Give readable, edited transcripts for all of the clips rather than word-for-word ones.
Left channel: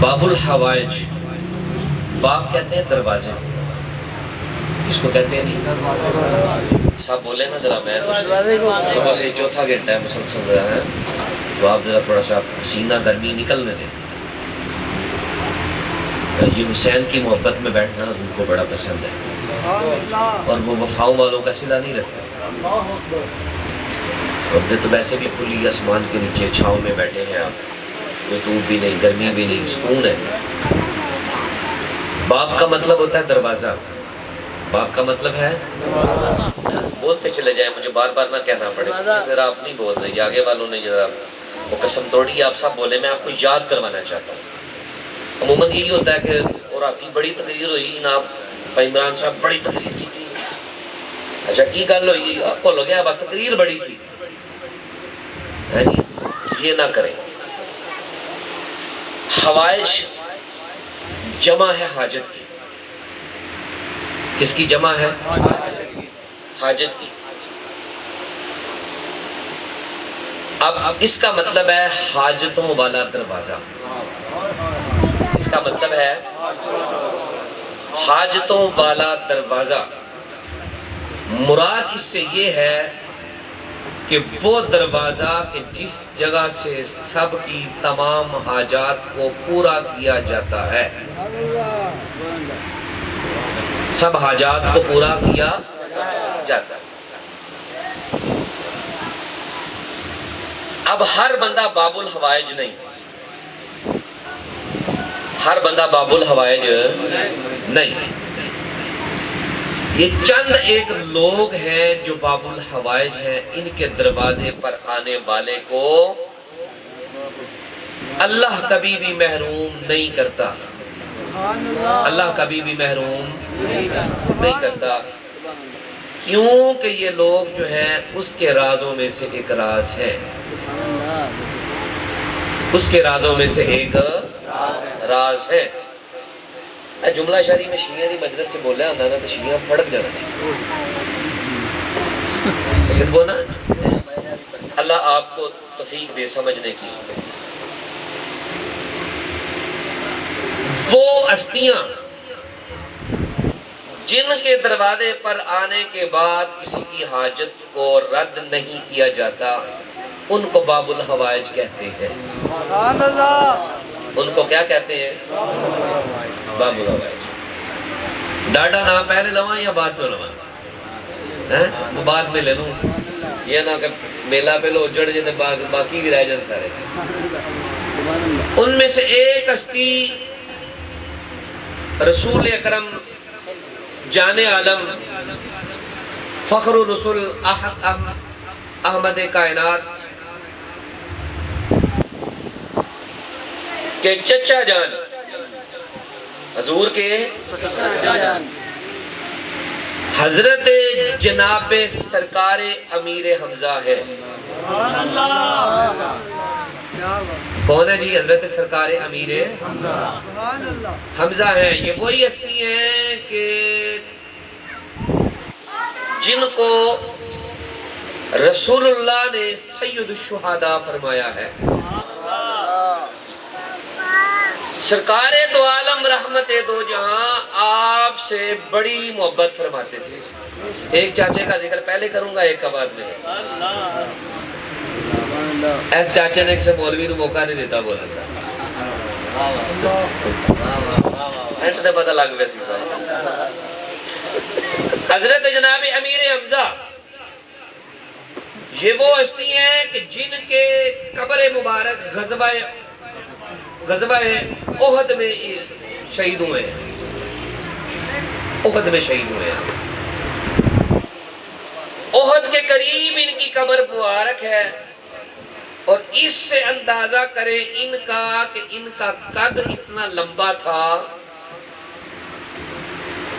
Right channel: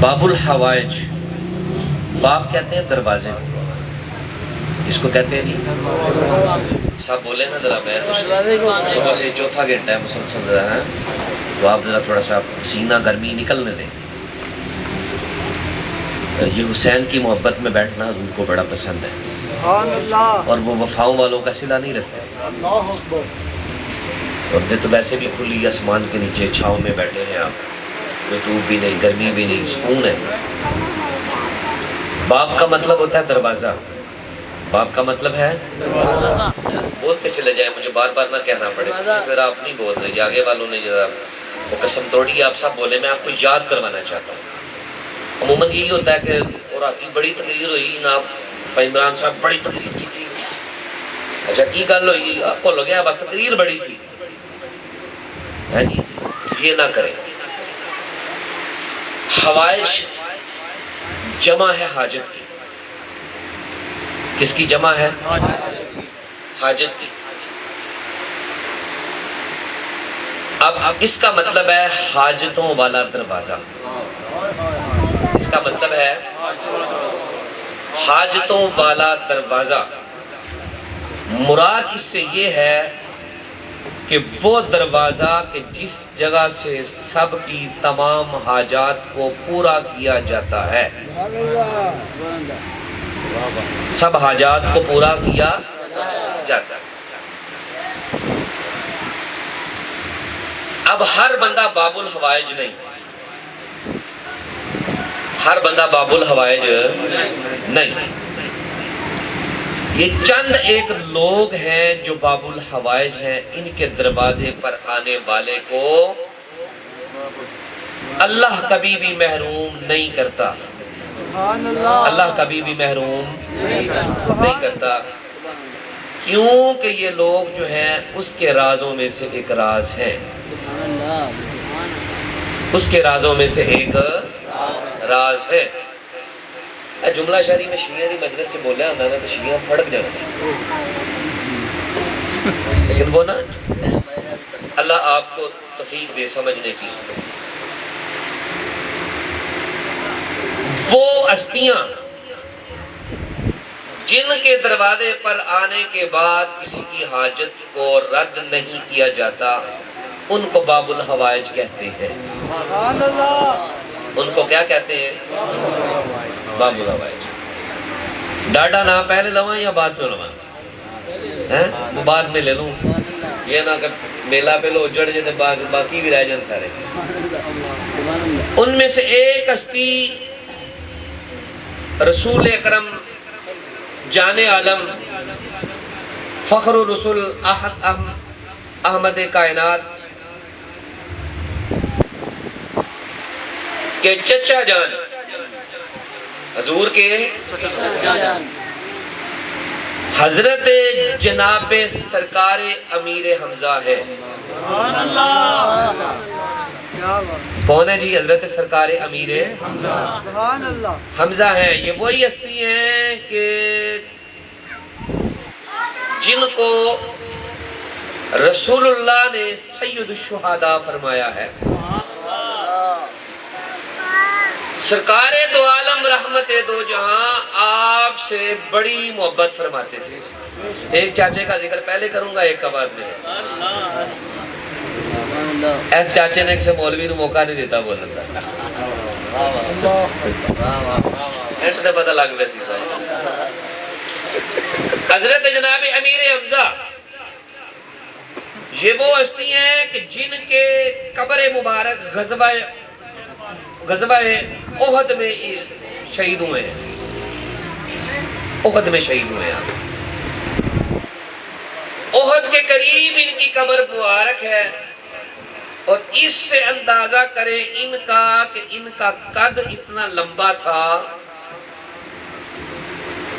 باب الحوائج، باب کہتے ہیں دروازے، اس کو کہتے ہیں جی صاحب بولے نا ذرا، میں صبح سے چوتھا گھنٹہ ہے مسلسل رہا ہے، تو آپ ذرا تھوڑا سا سینہ گرمی نکلنے دیں۔ یہ حسین کی محبت میں بیٹھنا حضور کو بڑا پسند ہے، اور وہ وفاؤں والوں کا صلہ نہیں رکھتے، اور پھر تو ویسے بھی کھلی آسمان کے نیچے چھاؤں میں بیٹھے ہیں آپ، کوئی دھوپ بھی نہیں، گرمی بھی نہیں، سکون ہے۔ باب کا مطلب ہوتا ہے دروازہ، باب کا مطلب ہے بولتے چلے جائیں، مجھے بار بار نہ کہنا پڑے، پھر آپ نہیں بول رہے، آگے والوں نے ذرا وہ قسم توڑی، آپ سب بولے، میں آپ کو یاد کروانا چاہتا ہوں۔ عموماً یہی ہوتا ہے کہ اور آتی بڑی تقریر ہوئی نا، عمران صاحب بڑی تقریر کی تھی، اچھا کی گل ہوئی آپ کو لگیا بس تقریر بڑی سی ہے جی، یہ نہ کریں۔ حوائج جمع ہے حاجت کی، کس کی جمع ہے؟ حاجت کی۔ اب اس کا مطلب ہے حاجتوں والا دروازہ، اس کا مطلب ہے حاجتوں والا دروازہ۔ مراد اس سے یہ ہے کہ وہ دروازہ کہ جس جگہ سے سب کی تمام حاجات کو پورا کیا جاتا ہے، سب حاجات کو پورا کیا جاتا ہے۔ اب ہر بندہ باب الحوائج نہیں، ہر بندہ باب الحوائج نہیں، یہ چند ایک لوگ ہیں جو باب الحوائج ہیں، ان کے دروازے پر آنے والے کو اللہ کبھی بھی محروم نہیں کرتا، اللہ کبھی بھی محروم نہیں کرتا، کیونکہ یہ لوگ جو ہیں اس کے رازوں میں سے ایک راز ہے، اس کے رازوں میں سے ایک راز ہے۔ جملہ شاعری میں شیعہ دی مجلس سے بولیا ہونا نا تو شیعہ پھڑک جانا تھا، لیکن وہ نا اللہ آپ کو توفیق دے سمجھنے کی۔ وہ ہستیاں جن کے دروازے پر آنے کے بعد کسی کی حاجت کو رد نہیں کیا جاتا، ان کو باب الحوائج کہتے ہیں۔ ان کو کیا کہتے ہیں؟ باب الحوائج۔ ڈاڈا نہ پہلے لواں یا بعد میں لواں؟ بعد میں لے لوں، یہ نہ کہ میلہ پہ لو جڑ جاتے باقی بھی رہ جان سارے۔ ان میں سے ایک ہستی رسول اکرم جان عالم فخر الرسول احمد کائنات کے چچا جان، حضور کے حضرت جناب سرکار امیر حمزہ ہے۔ کون ہے جی؟ حضرت سرکار امیر حمزہ ہے۔ یہ وہی ہستی ہیں کہ جن کو رسول اللہ نے سید الشہداء فرمایا ہے۔ سرکار دو عالم رحمت دو جہاں آپ سے بڑی محبت فرماتے تھے۔ ایک چاچے کا ذکر پہلے کروں گا، ایک کا بعد میں۔ ایس چاچے نے ایک سے مولوی نو موقع نہیں دیتا بولنے کا، اینڈ تے پتہ لگ گیا سی۔ حضرت جناب امیر حمزہ یہ وہ ہستی ہیں کہ جن کے قبر مبارک غزوہ احد میں شہید ہوئے ہیں، احد میں شہید ہوئے ہیں۔ احد کے قریب ان کی قبر مبارک ہے، اور اس سے اندازہ کریں ان کا کہ ان کا قد اتنا لمبا تھا۔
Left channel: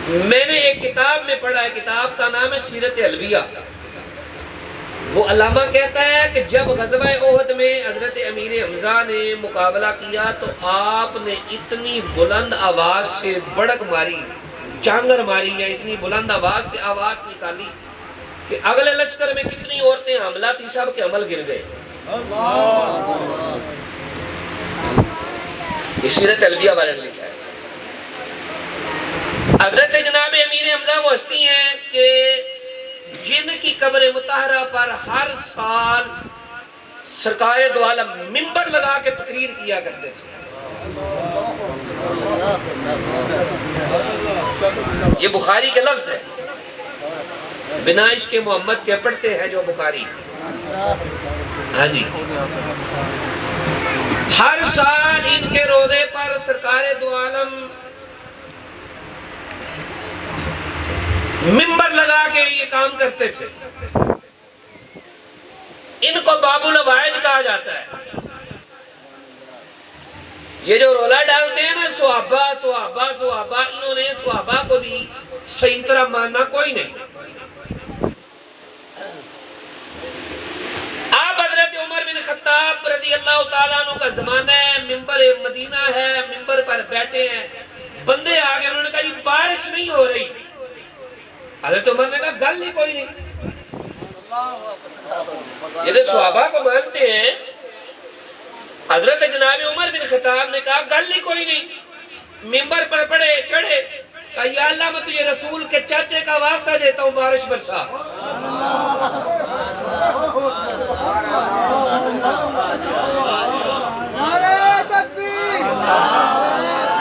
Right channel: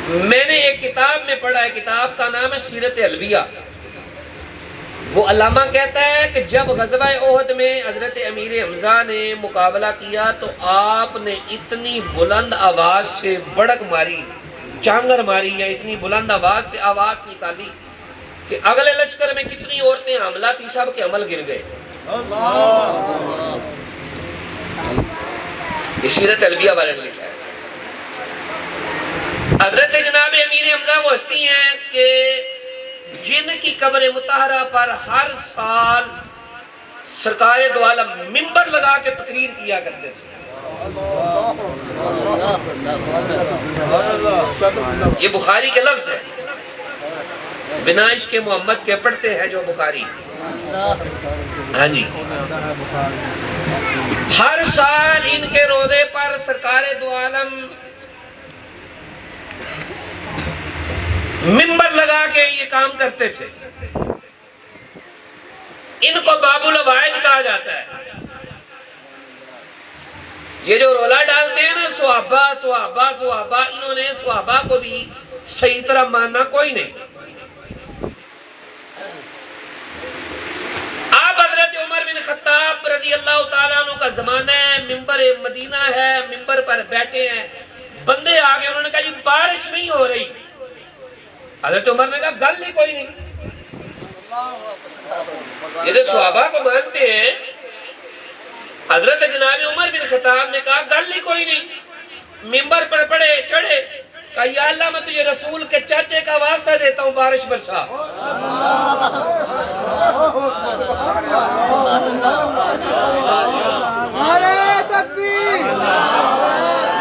میں نے ایک کتاب میں پڑھا ہے، کتاب کا نام ہے سیرت علویہ، وہ علامہ کہتا ہے کہ جب غزوہ احد میں حضرت امیر حمزہ نے مقابلہ کیا تو آپ نے اتنی بلند آواز سے بڑک ماری، چانگر ماری، یا اتنی بلند آواز سے آواز نکالی کہ اگلے لشکر میں کتنی عورتیں حاملہ تھی، سب کے عمل گر گئے۔ یہ سیرت البیہ والے نے لکھا ہے۔ حضرت جناب امیر حمزہ وہ ہستی ہیں کہ جن کی قبر مطہرہ پر ہر سال سرکار دو عالم منبر لگا کے تقریر کیا کرتے تھے۔ یہ بخاری کے لفظ ہے، بنا اس کے محمد کے پڑھتے ہیں جو بخاری۔ ہاں جی، ہر سال ان کے روضے پر سرکار دو عالم منبر لگا کے یہ کام کرتے تھے۔ ان کو باب الوائج کہا جاتا ہے۔ یہ جو رولا ڈالتے ہیں نا صحابہ صحابہ صحابہ، انہوں نے صحابہ کو بھی صحیح طرح ماننا کوئی نہیں۔ آپ حضرت عمر بن خطاب رضی اللہ تعالیٰ عنہ کا زمانہ ہے، منبر مدینہ ہے، منبر پر بیٹھے ہیں، بندے آگے، انہوں نے کہا جی بارش نہیں ہو رہی۔ حضرت عمر نے کہا گل ہی کوئی نہیں۔ یہ جو صحابہ کو مانتے ہیں، حضرت جناب عمر بن خطاب نے کہا گل ہی کوئی نہیں، منبر پر پڑھے چڑھے، کہا یا اللہ میں تجھے رسول کے چاچے کا واسطہ دیتا ہوں بارش برسا۔ نعرہ تکبیر،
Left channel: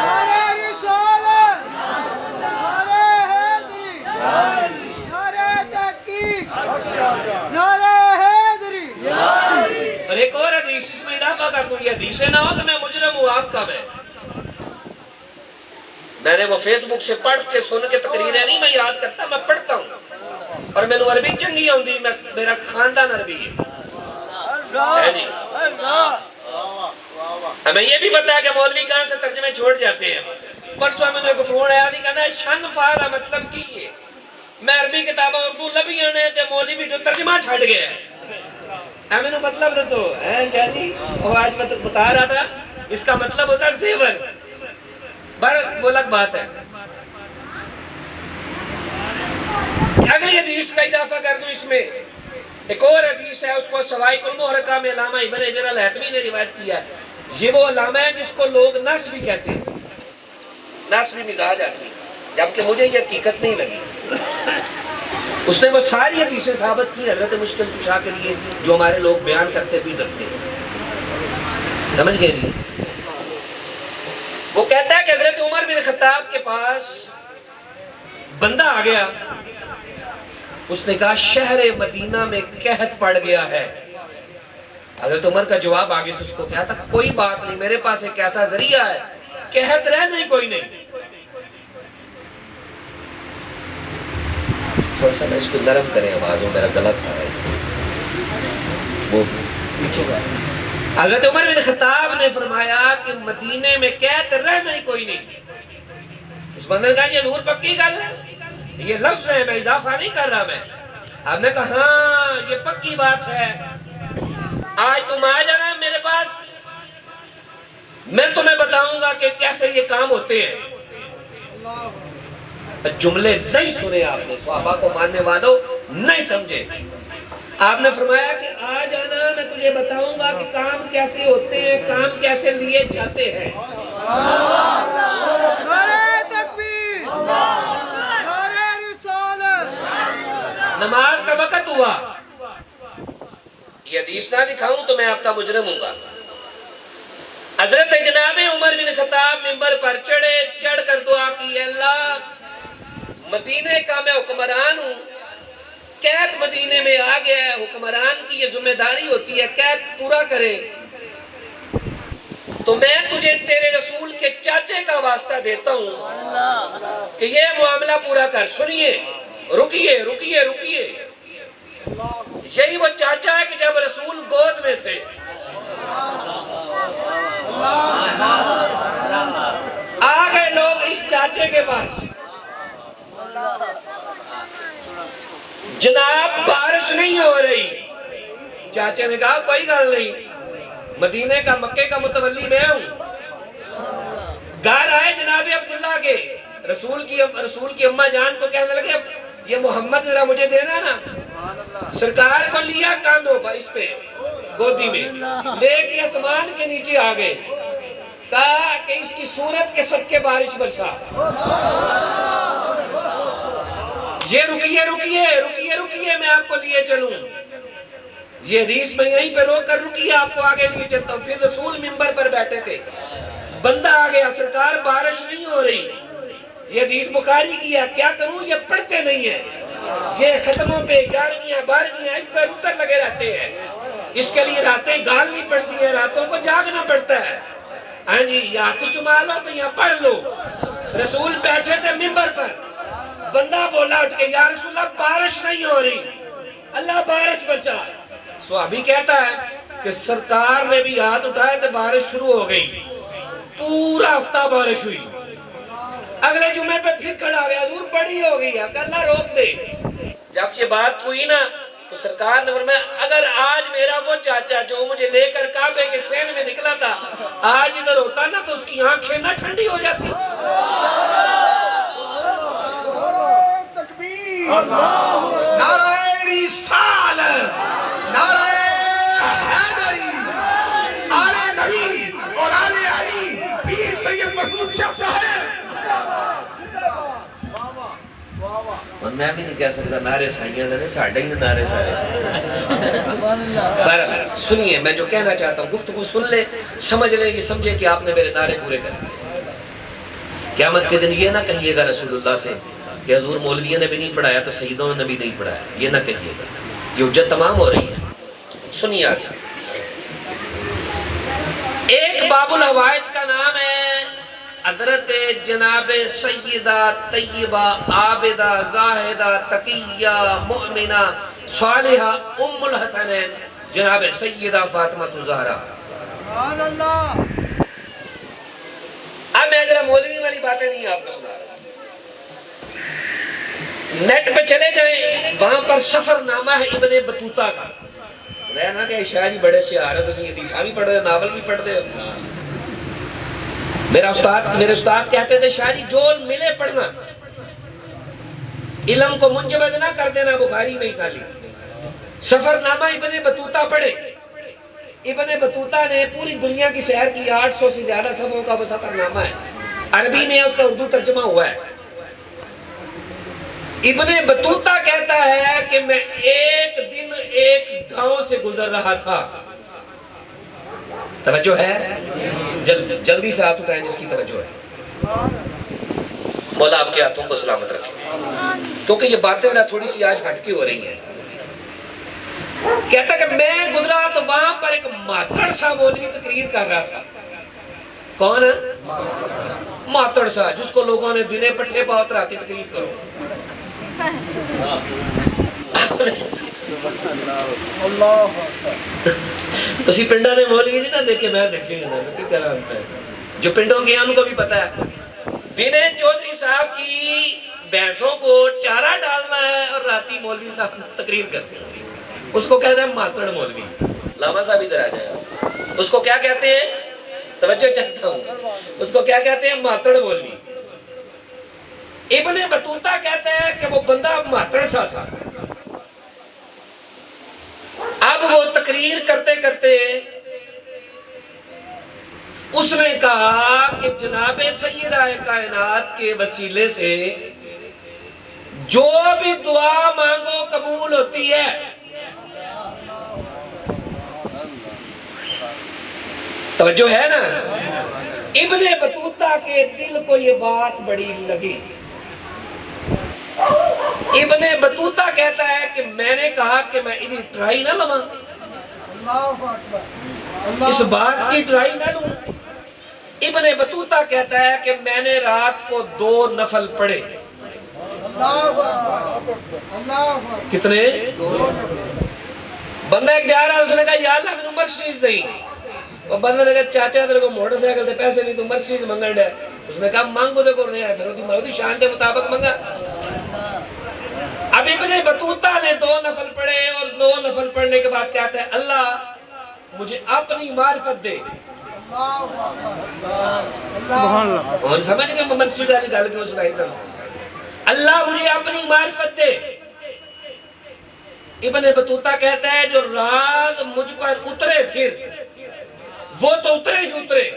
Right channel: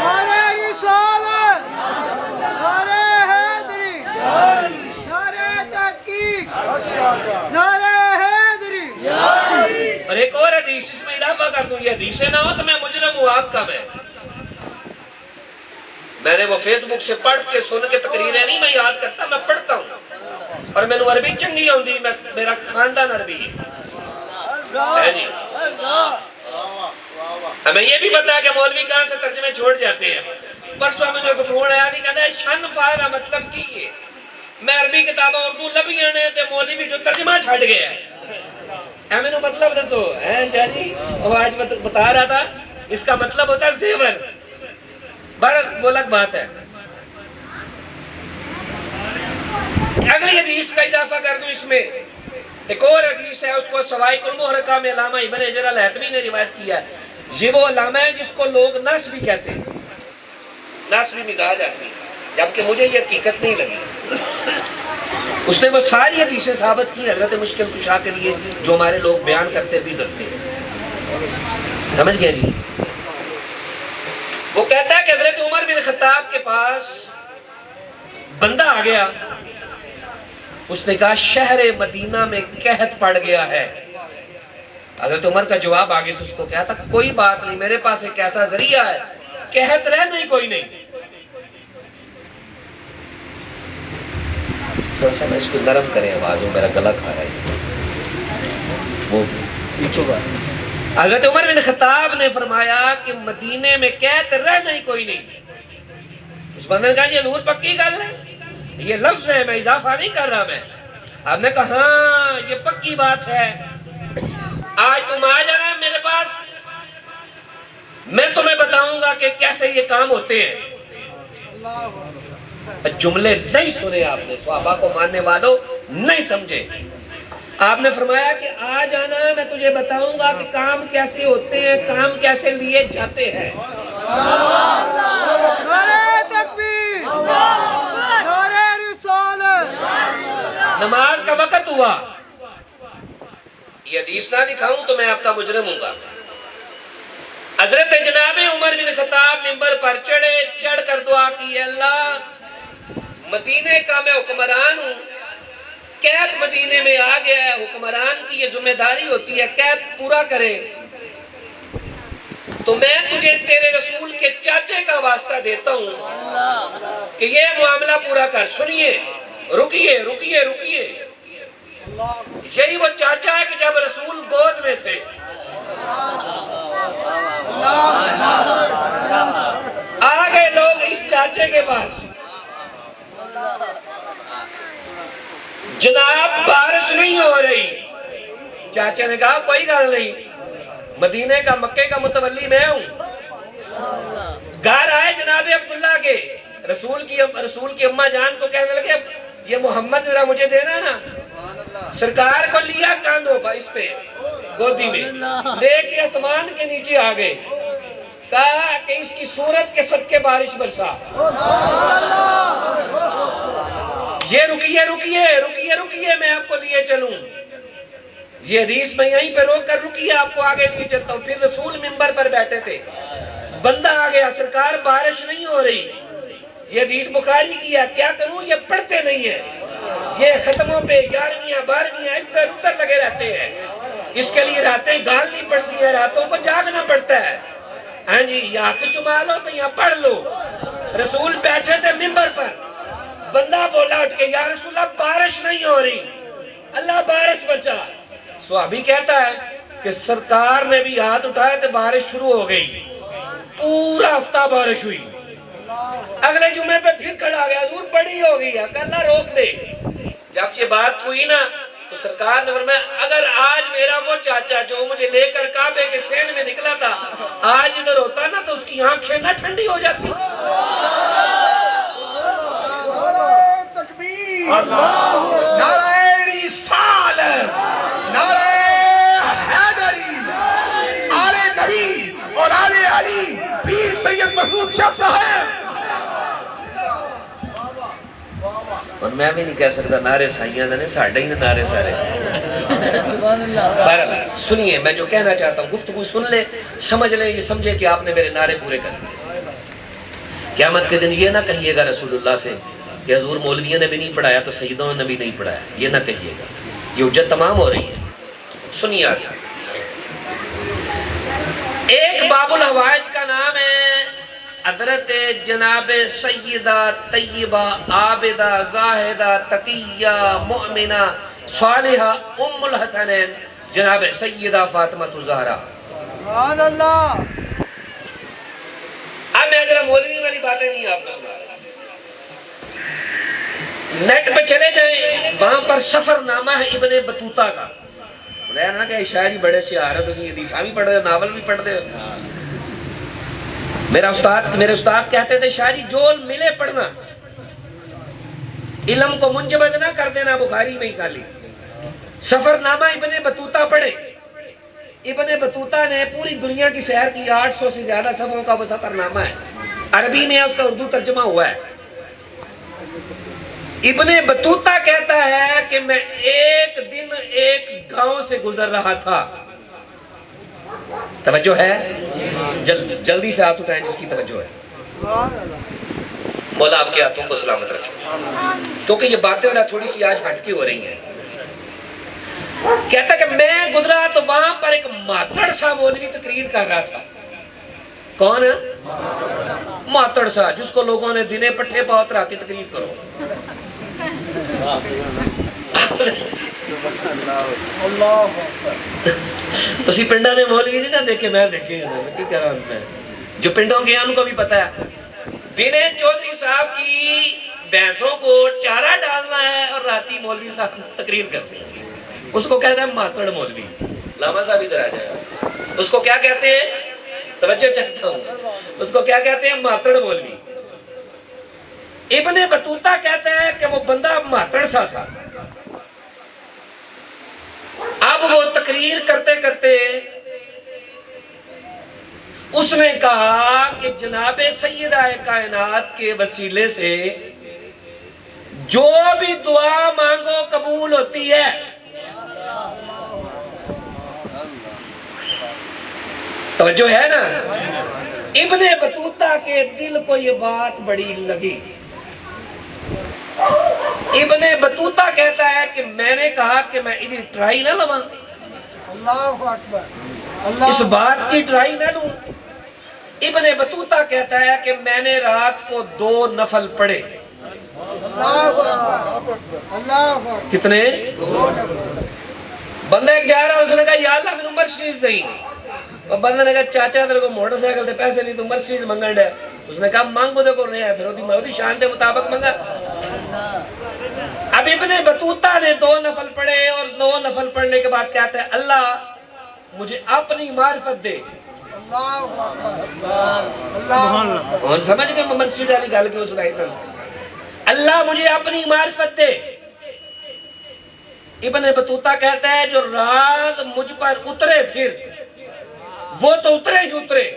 نعرہ رسالت، نعرہ حیدری، نعرہ تحقیق، نعرہ حیدری۔ اور ایک اور حدیث اس میں اضافہ کر دوں، یہ حدیثیں نہ ہو تو میں مجرم ہوں، آپ کا میں نے وہ فیس بک سے پڑھ کے سن کے تقریریں نہیں میں یاد کرتا، میں پڑھتا ہوں، اور میں نے عربی چنگی ہوندی، میرا خاندان عربی ہے جی۔ ہمیں یہ بھی پتا ہے کہ مولوی کہاں سے ترجمے چھوڑ جاتے ہیں۔ پرسوں میں کو فون آیا نہیں، کہتا ہے شن فارا مطلب کی ہے، میں عربی کتابیں اردو لبیاں نے تے مولوی جو ترجمہ چھڑ گیا ہے، میں نے مطلب دسو ہے شاہ جی، وہ آج بتا رہا تھا اس کا مطلب ہوتا ہے زیور، وہ الگ بات ہے۔ اگلی حدیث کا اضافہ کر دوں اس میں، ایک اور حدیث ہے، اس کو سوائق المحرقہ میں علامہ ابن حجر الہیثمی نے روایت کیا ہے۔ یہ وہ علامہ ہے جس کو لوگ نس بھی کہتے ہیں، نس بھی مزاج آدمی، جبکہ مجھے یہ حقیقت نہیں لگی۔ اس نے وہ ساری حدیثیں ثابت کی حضرت مشکل کشا کے لیے جو ہمارے لوگ بیان کرتے بھی کرتے ہیں، سمجھ گئے جی۔ وہ کہتا ہے کہ حضرت عمر بن خطاب کے پاس بندہ آ گیا، اس نے کہا شہر مدینہ میں قحط پڑ گیا ہے۔ حضرت عمر کا جواب آگے سے اس کو کہا تھا کوئی بات نہیں، میرے پاس ایک ایسا ذریعہ ہے، قحط رہ نہیں کوئی نہیں۔ تھوڑا سا میں اس کو نرم کریں آوازوں، میرا غلط تھا وہ لکھے گا۔ حضرت عمر بن خطاب نے فرمایا کہ مدینے میں قحط رہ نہیں کوئی نہیں۔ اس بندے نے کہا یہ حضور پکی گل ہے، یہ لفظ ہے، میں اضافہ نہیں کر رہا میں۔ آپ نے کہا ہاں یہ پکی بات ہے، آج تم آ جانا میرے پاس، میں تمہیں بتاؤں گا کہ کیسے یہ کام ہوتے ہیں۔ جملے نہیں سنے آپ نے، صحابہ کو ماننے والوں نہیں سمجھے۔ آپ نے فرمایا کہ آ جانا، میں تجھے بتاؤں گا کہ کام کیسے ہوتے ہیں، کام کیسے لیے جاتے ہیں۔ نعرہ تکبیر، نعرہ رسالت۔ نماز کا وقت ہوا، یہ حدیث نہ دکھاؤں تو میں آپ کا مجرم ہوں گا۔ حضرت جناب عمر بن خطاب منبر پر چڑھے، چڑھ کر دعا کی، اللہ مدینے کا میں حکمران ہوں، قحط مدینے میں آ گیا ہے، حکمران کی یہ ذمہ داری ہوتی ہے قحط پورا کرے، تو میں تجھے تیرے رسول کے چاچے کا واسطہ دیتا ہوں کہ یہ معاملہ پورا کر۔ سنیے، رکیے رکیے رکیے، یہی وہ چاچا ہے کہ جب رسول گود میں تھے، آ گئے لوگ اس چاچے کے پاس، جناب بارش نہیں ہو رہی۔ چاچا نے کہا کوئی گل نہیں، مدینے کا مکے کا متولی میں ہوں۔ گھر آئے جناب عبداللہ کے، رسول کی اماں جان کو کہنے لگے یہ محمد ذرا مجھے دینا نا۔ سرکار کو لیا کاندھوں پر اس پہ گودی میں لے کے آسمان کے نیچے آ گئے، کہا کہ اس کی صورت کے صدقے بارش برسا. یہ رکیے میں آپ کو لیے چلوں. یہ حدیث میں یہیں پہ روک کر رکیے، آپ کو آگے لیے چلتا ہوں. پھر رسول منبر پر بیٹھے تھے، بندہ آ گیا، سرکار بارش نہیں ہو رہی. یہ حدیث بخاری کی ہے، کیا کروں؟ یہ پڑھتے نہیں ہیں، یہ ختموں پہ 11ویں 12ویں ادھر ادھر لگے رہتے ہیں. اس کے لیے راتیں گالنی پڑتی ہے، راتوں کو جاگنا پڑتا ہے. ہاں جی، یا ہاتھ چما لو تو یا پڑھ لو. رسول بیٹھے تھے منبر پر، بندہ بولا اٹھ کے، یا رسول اللہ بارش نہیں ہو رہی، اللہ بارش برسا. صحابی کہتا ہے کہ سرکار نے بھی ہاتھ اٹھائے تو بارش شروع ہو گئی، پورا ہفتہ بارش ہوئی. اگلے جمعے پہ پھر کھڑا گیا، حضور بڑی ہو گئی ہے، کہ اللہ روک دے. جب یہ بات ہوئی نا تو سرکار نے فرمایا اگر آج میرا وہ چاچا جو مجھے لے کر کعبے کے سین میں نکلا تھا آج ادھر ہوتا نا تو اس کی آنکھیں نہ ٹھنڈی ہو جاتی. نعرہ تکبیر، نعرہ رسالت، نعرہ حیدری، آل نبی اور آل علی، پیر سید مسعود شاہ صاحب. اور میں بھی نہیں کہہ سکتا نعرے سائیاں نے ساڑھے ہی نعرے سارے. بہرحال سنیے، میں جو کہنا چاہتا ہوں گفتگو سن لے، سمجھ لیں، یہ سمجھے کہ آپ نے میرے نعرے پورے کر دیے. قیامت کے دن یہ نہ کہیے گا رسول اللہ سے کہ حضور مولویوں نے بھی نہیں پڑھایا تو سیدوں نے بھی نہیں پڑھایا، یہ نہ کہیے گا. یہ حجت تمام ہو رہی ہے. سنیے آگے. ایک باب الحوائج کا نام ہے حضرت جناب سیدہ طیبہ عابدہ زاہدہ تقیہ مؤمنہ صالحہ ام الحسنین جناب سیدہ فاطمہ الزہرا. سبحان اللہ. اب میں ذرا مولوی والی باتیں نہیں آپ کو سنا رہا. نیٹ پہ چلے جائیں، وہاں پر سفر نامہ ہے ابن بطوطہ کا. بولا نا کہ شاہ جی بڑے شہارت اسی حدیثاں بھی پڑھ دے، ناول بھی پڑھ دے. میرے استاد کہتے تھے شاہ جی جو ملے پڑھنا، علم کو منجمد نہ کر دینا بخاری میں ہی خالی. سفر نامہ ابن بطوطہ پڑھے. ابن بطوطہ نے پوری دنیا کی سیر کی، 800 سے زیادہ صفحوں کا وہ سفر نامہ ہے. عربی میں اس کا اردو ترجمہ ہوا ہے. ابن بطوطہ کہتا ہے کہ میں ایک دن ایک گاؤں سے گزر رہا تھا. توجہ ہے؟ جلدی سے ہاتھ اٹھائیں جس کی توجہ ہے. مولا آپ کے ہاتھوں کو سلامت رکھیں، کیونکہ یہ باتیں تھوڑی سی آج ہٹ کی ہو رہی ہیں. کہتا کہ میں گزرا تو وہاں پر ایک ماتڑ سا مولوی تقریر کر رہا تھا. کون؟ ماتڑ سا، جس کو لوگوں نے دنے پٹھے پاؤ تراتی تقریر کرو. تسی پنڈا نے مولوی نہیں نہ دیکھے، میں دیکھے جو پنڈوں کے ان کو بھی پتا ہے. دنے چودھری صاحب کی بھینسوں کو چارہ ڈالنا ہے اور راتی مولوی صاحب تقریر کرتے ہیں. اس کو کہتے ہیں ماتڑ مولوی. لاما صاحب ادھر آ جائے. اس کو کیا کہتے ہیں؟ توجہ چاہتا ہوں، اس کو کیا کہتے ہیں؟ ماتڑ مولوی. ابن بطوطہ کہتا ہے کہ وہ بندہ ماتڑ سا تھا. اب وہ تقریر کرتے کرتے اس نے کہا کہ جناب سیدہ کائنات کے وسیلے سے جو بھی دعا مانگو قبول ہوتی ہے. توجہ ہے نا؟ ابن بطوطہ کے دل کو یہ بات بڑی لگی. ابن بطوطہ کہتا ہے کہ میں نے کہا کہ میں ادھر ٹرائی نہ لواں، اللہ اکبر، اس بات کی ٹرائی نہ لوں. ابن بطوطہ کہتا ہے کہ میں نے رات کو 2 نفل پڑھے. کتنے؟ بندہ ایک جا رہا، اس نے کہا یا اللہ میں مرسڈیز دیں. وہ بندہ نے کہا چاچا تیرے کو موٹر سائیکل دے پیسے نہیں تو مرسڈیز منگن ہے. اس نے کہا مانگو دے کو نہیں ہے، پھر وہ شان دے مطابق منگا. اب ابن بطوطہ نے 2 نفل پڑھے اور 2 نفل پڑھنے کے بعد کہتا ہے اللہ مجھے اپنی معرفت دے. اور سمجھ گئے مرسڈیز والی گل کیوں سنائی تھی؟ اللہ مجھے اپنی معرفت دے. ابن بطوطہ کہتا ہے جو رات مجھ پر اترے پھر وہ تو اترے ہی اترے.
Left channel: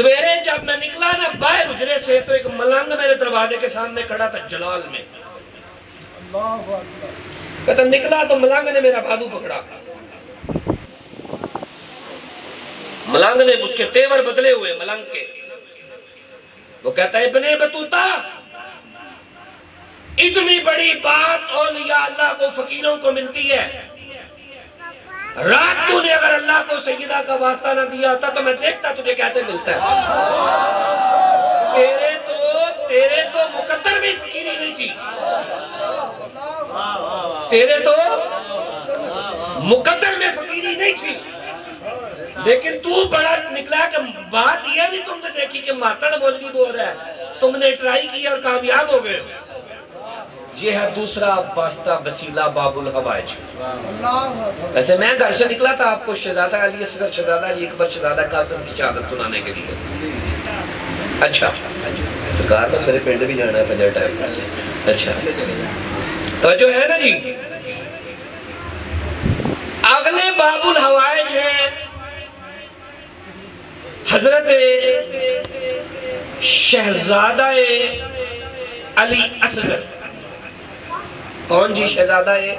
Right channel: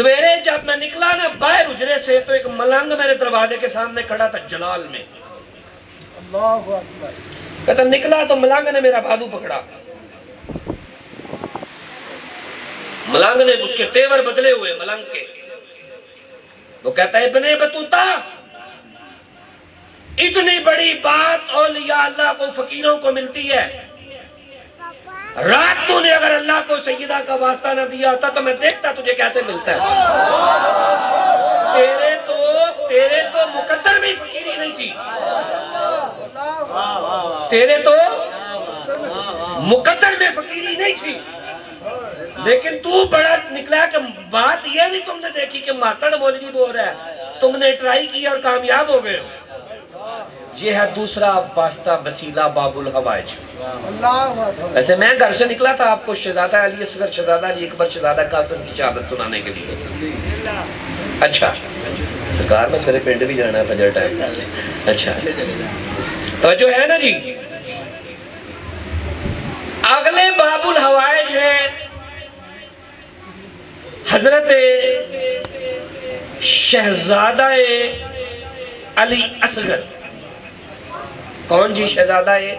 سویرے جب میں نکلا نا باہر اجرے سے تو ایک ملنگ میرے دروازے کے سامنے کھڑا تھا جلال میں. اللہ اکبر. کہتا نکلا تو ملنگ نے میرا بازو پکڑا. ملنگ نے اس کے تیور بدلے ہوئے ملنگ کے. وہ کہتا ہے ابن بطوطہ اتنی بڑی بات اولیاء اللہ کو فقیروں کو ملتی ہے. رات تو نے اگر اللہ کو سیدہ کا واسطہ نہ دیا ہوتا تو میں دیکھتا تجھے کیسے ملتا ہے. تیرے تو مقدر میں فقیری نہیں تھی. تیرے تو مقدر میں فقیری نہیں تھی. لیکن تو بڑا نکلا کہ بات یہ نہیں تم نے دیکھی کہ ماتڑ مولوی بول رہا ہے, تم نے ٹرائی کی اور کامیاب ہو گئے. یہ ہے دوسرا واسطہ وسیلہ باب الحوائج. اللہ اکبر. ویسے میں گھر سے نکلا تھا آپ کو شہزادہ علی اصغر, شہزادہ علی اکبر, شہزادہ قاسم کی شہادت سنانے کے لیے. اچھا سرکار میں سارے پنڈ بھی جانا ہے فجر ٹائم. اچھا توجہ ہے نا جی. اگلے باب الحوائج ہے حضرت شہزادہ علی اصغر. کون جی شہزادہ ہے؟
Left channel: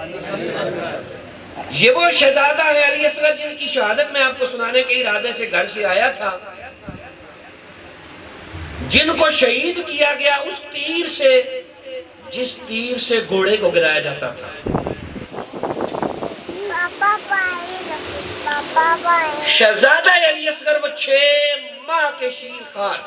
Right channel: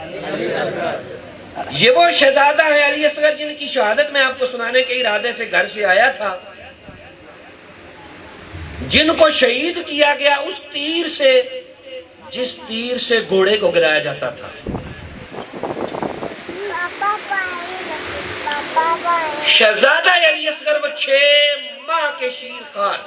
یہ وہ شہزادہ ہے علی اصغر جن کی شہادت میں آپ کو سنانے کے ارادے سے گھر سے آیا تھا, جن کو شہید کیا گیا اس تیر سے جس تیر سے گھوڑے کو گرایا جاتا تھا. شہزادہ علی اصغر وہ 6 ماہ کے شیر خان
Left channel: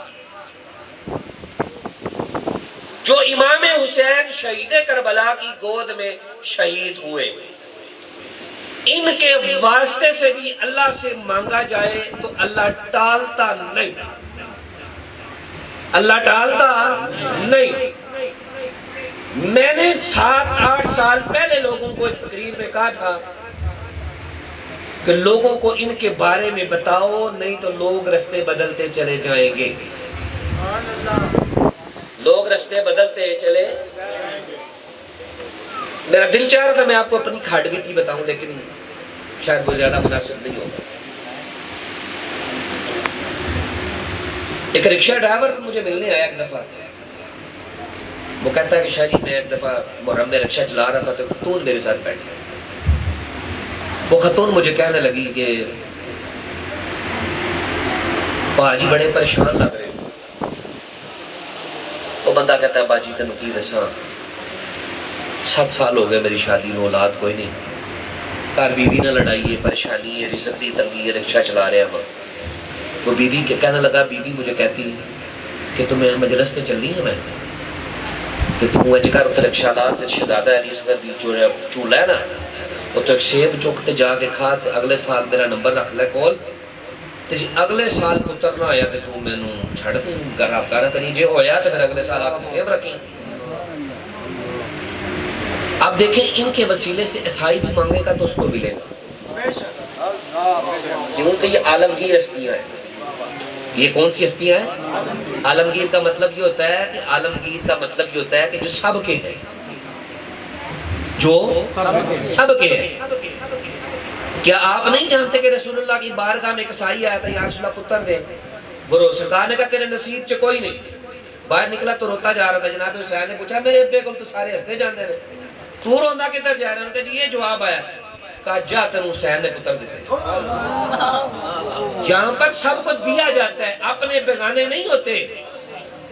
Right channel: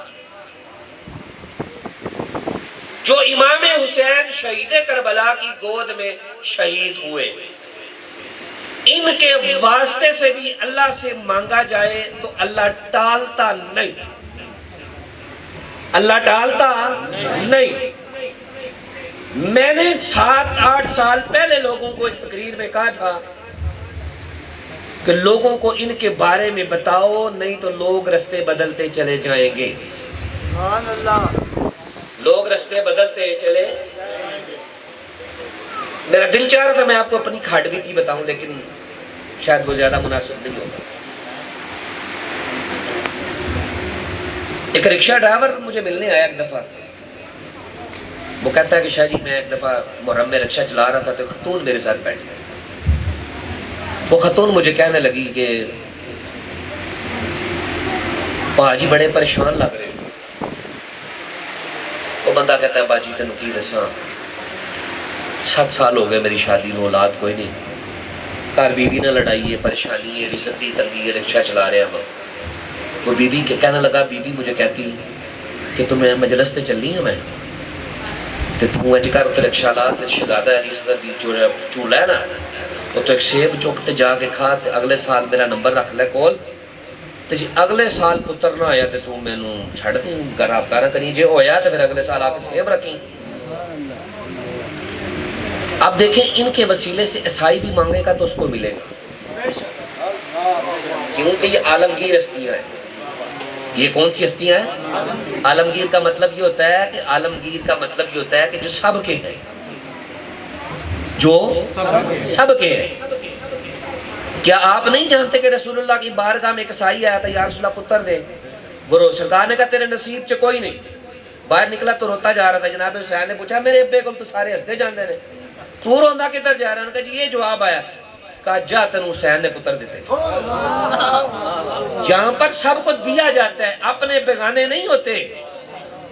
جو امام حسین شہید کربلا کی گود میں شہید ہوئے, ان کے واسطے سے بھی اللہ سے مانگا جائے تو اللہ ٹالتا نہیں. اللہ ٹالتا نہیں. میں نے 7-8 سال پہلے لوگوں کو ایک تقریر میں کہا تھا کہ لوگوں کو ان کے بارے میں بتاؤ, نہیں تو لوگ رستے بدلتے چلے جائیں گے. سبحان اللہ. لوگ رستے بدلتے چلے. میرا دل چاہ رہا تھا میں آپ کو اپنی کھاٹ بھی تھی بتاؤں, لیکن شاید وہ زیادہ مناسب نہیں ہوگا. ایک رکشہ ڈرائیور مجھے ملنے آیا ایک دفعہ. وہ کہتا ہے کہ شاہ جی میں ایک دفعہ محرم میں رکشہ چلا رہا تھا تو خاتون میرے ساتھ بیٹھی. وہ خاتون مجھے کہنے لگی کہ باجی بڑے پریشان لگ رہے. وہ بندہ کہتا ہے باجی تینوں کی دساں 7 سال ہو گئے میری شادی میں, اولاد کوئی نہیں, گھر بیوی نہ لڑائی ہے, پریشانی ہے, رزق دی تنگی ہے, رکشہ چلا رہے ہیں. وہ بیوی کے کہنے لگا, بیوی مجھے کہتی کہ تمہیں مجلس تے چلنی ہے میں تے تو اج کر تے رکشہ لا تے شہزادہ علی اصغر دی چولہا ہے نا وہ تو ایک سیب چک تے جا کے کھا تے اگلے سال میرا نمبر رکھ لے کول تے جی اگلے سال پتر نہ آیا تے تو مینوں چھڑ دیں گھر آتا نہ کری, جے ہویا تے پھر اگلے سال آ کے سیب رکھیں. اب دیکھیں ان کے وسیلے سے عیسائی بھی مانگے گا تو اس کو ملے گا, کیونکہ یہ عالمگیر ہستیاں ہیں. یہ کون سی ہستیاں ہیں؟ عالمگیر کا مطلب یہ ہوتا ہے کہ عالمگیر کا مطلب یہ ہوتا ہے کہ جو سب کے ہیں, جو سب کے ہیں. کیا آپ نہیں جانتے کہ رسول اللہ کی بارگاہ میں ایک عیسائی آیا تھا, یا رسول اللہ پتر دے. وہ سرکار نے کہا تیرے نصیب چ کوئی نہیں. باہر نکلا تو روتا جا رہا تھا. جناب حسین نے پوچھا میرے ابے کو تو سارے ہستے جاندے رہے, تو روندا کدھر جا رہا ہے؟ جی یہ جواب آیا, کہا جا تینوں حسین نے پتر دیتے. جہاں پر سب کو دیا جاتا ہے, اپنے بیگانے نہیں ہوتے,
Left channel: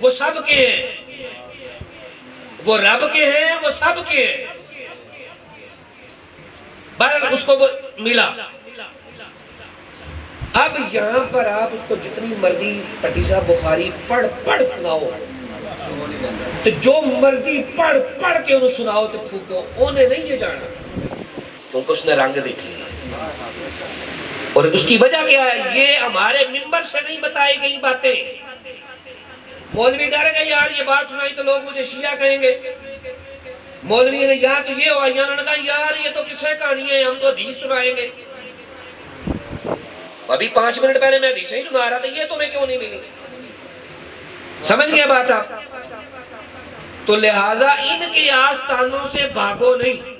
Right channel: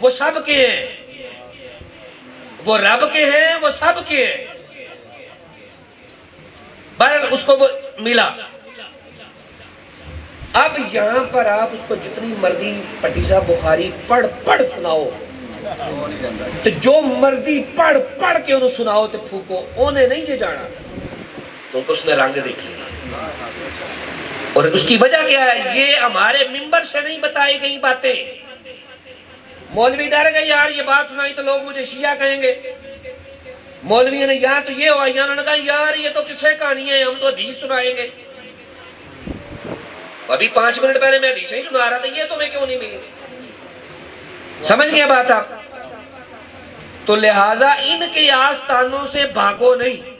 وہ سب کے ہیں, وہ رب کے ہیں, وہ سب کے ہیں. بہرحال اس کو وہ ملا. اب یہاں پر آپ اس کو جتنی مرضی پٹی صاحب بخاری پڑھ سناؤ, تو جو مرضی پڑھ کے انہوں سناؤ تو پھوکو, انہیں نہیں یہ جانا کیونکہ اس نے رنگ دیکھ لیا. اور اس کی وجہ کیا ہے؟ یہ ہمارے ممبر سے نہیں بتائی گئی باتیں. مولوی ڈر گئے یار یہ بات سنائی تو لوگ مجھے شیعہ کہیں گے. مولوی نے یہاں تو یہ ہوا, انہوں نے کہا یار یہ تو کسے کہانی ہے, ہم تو حدیث سنائیں گے. ابھی 5 منٹ پہلے میں حدیث ہی سنا رہا تھا, یہ تمہیں کیوں نہیں ملی؟ سمجھ گیا بات آپ؟ تو لہٰذا ان کی آستانوں سے بھاگو نہیں.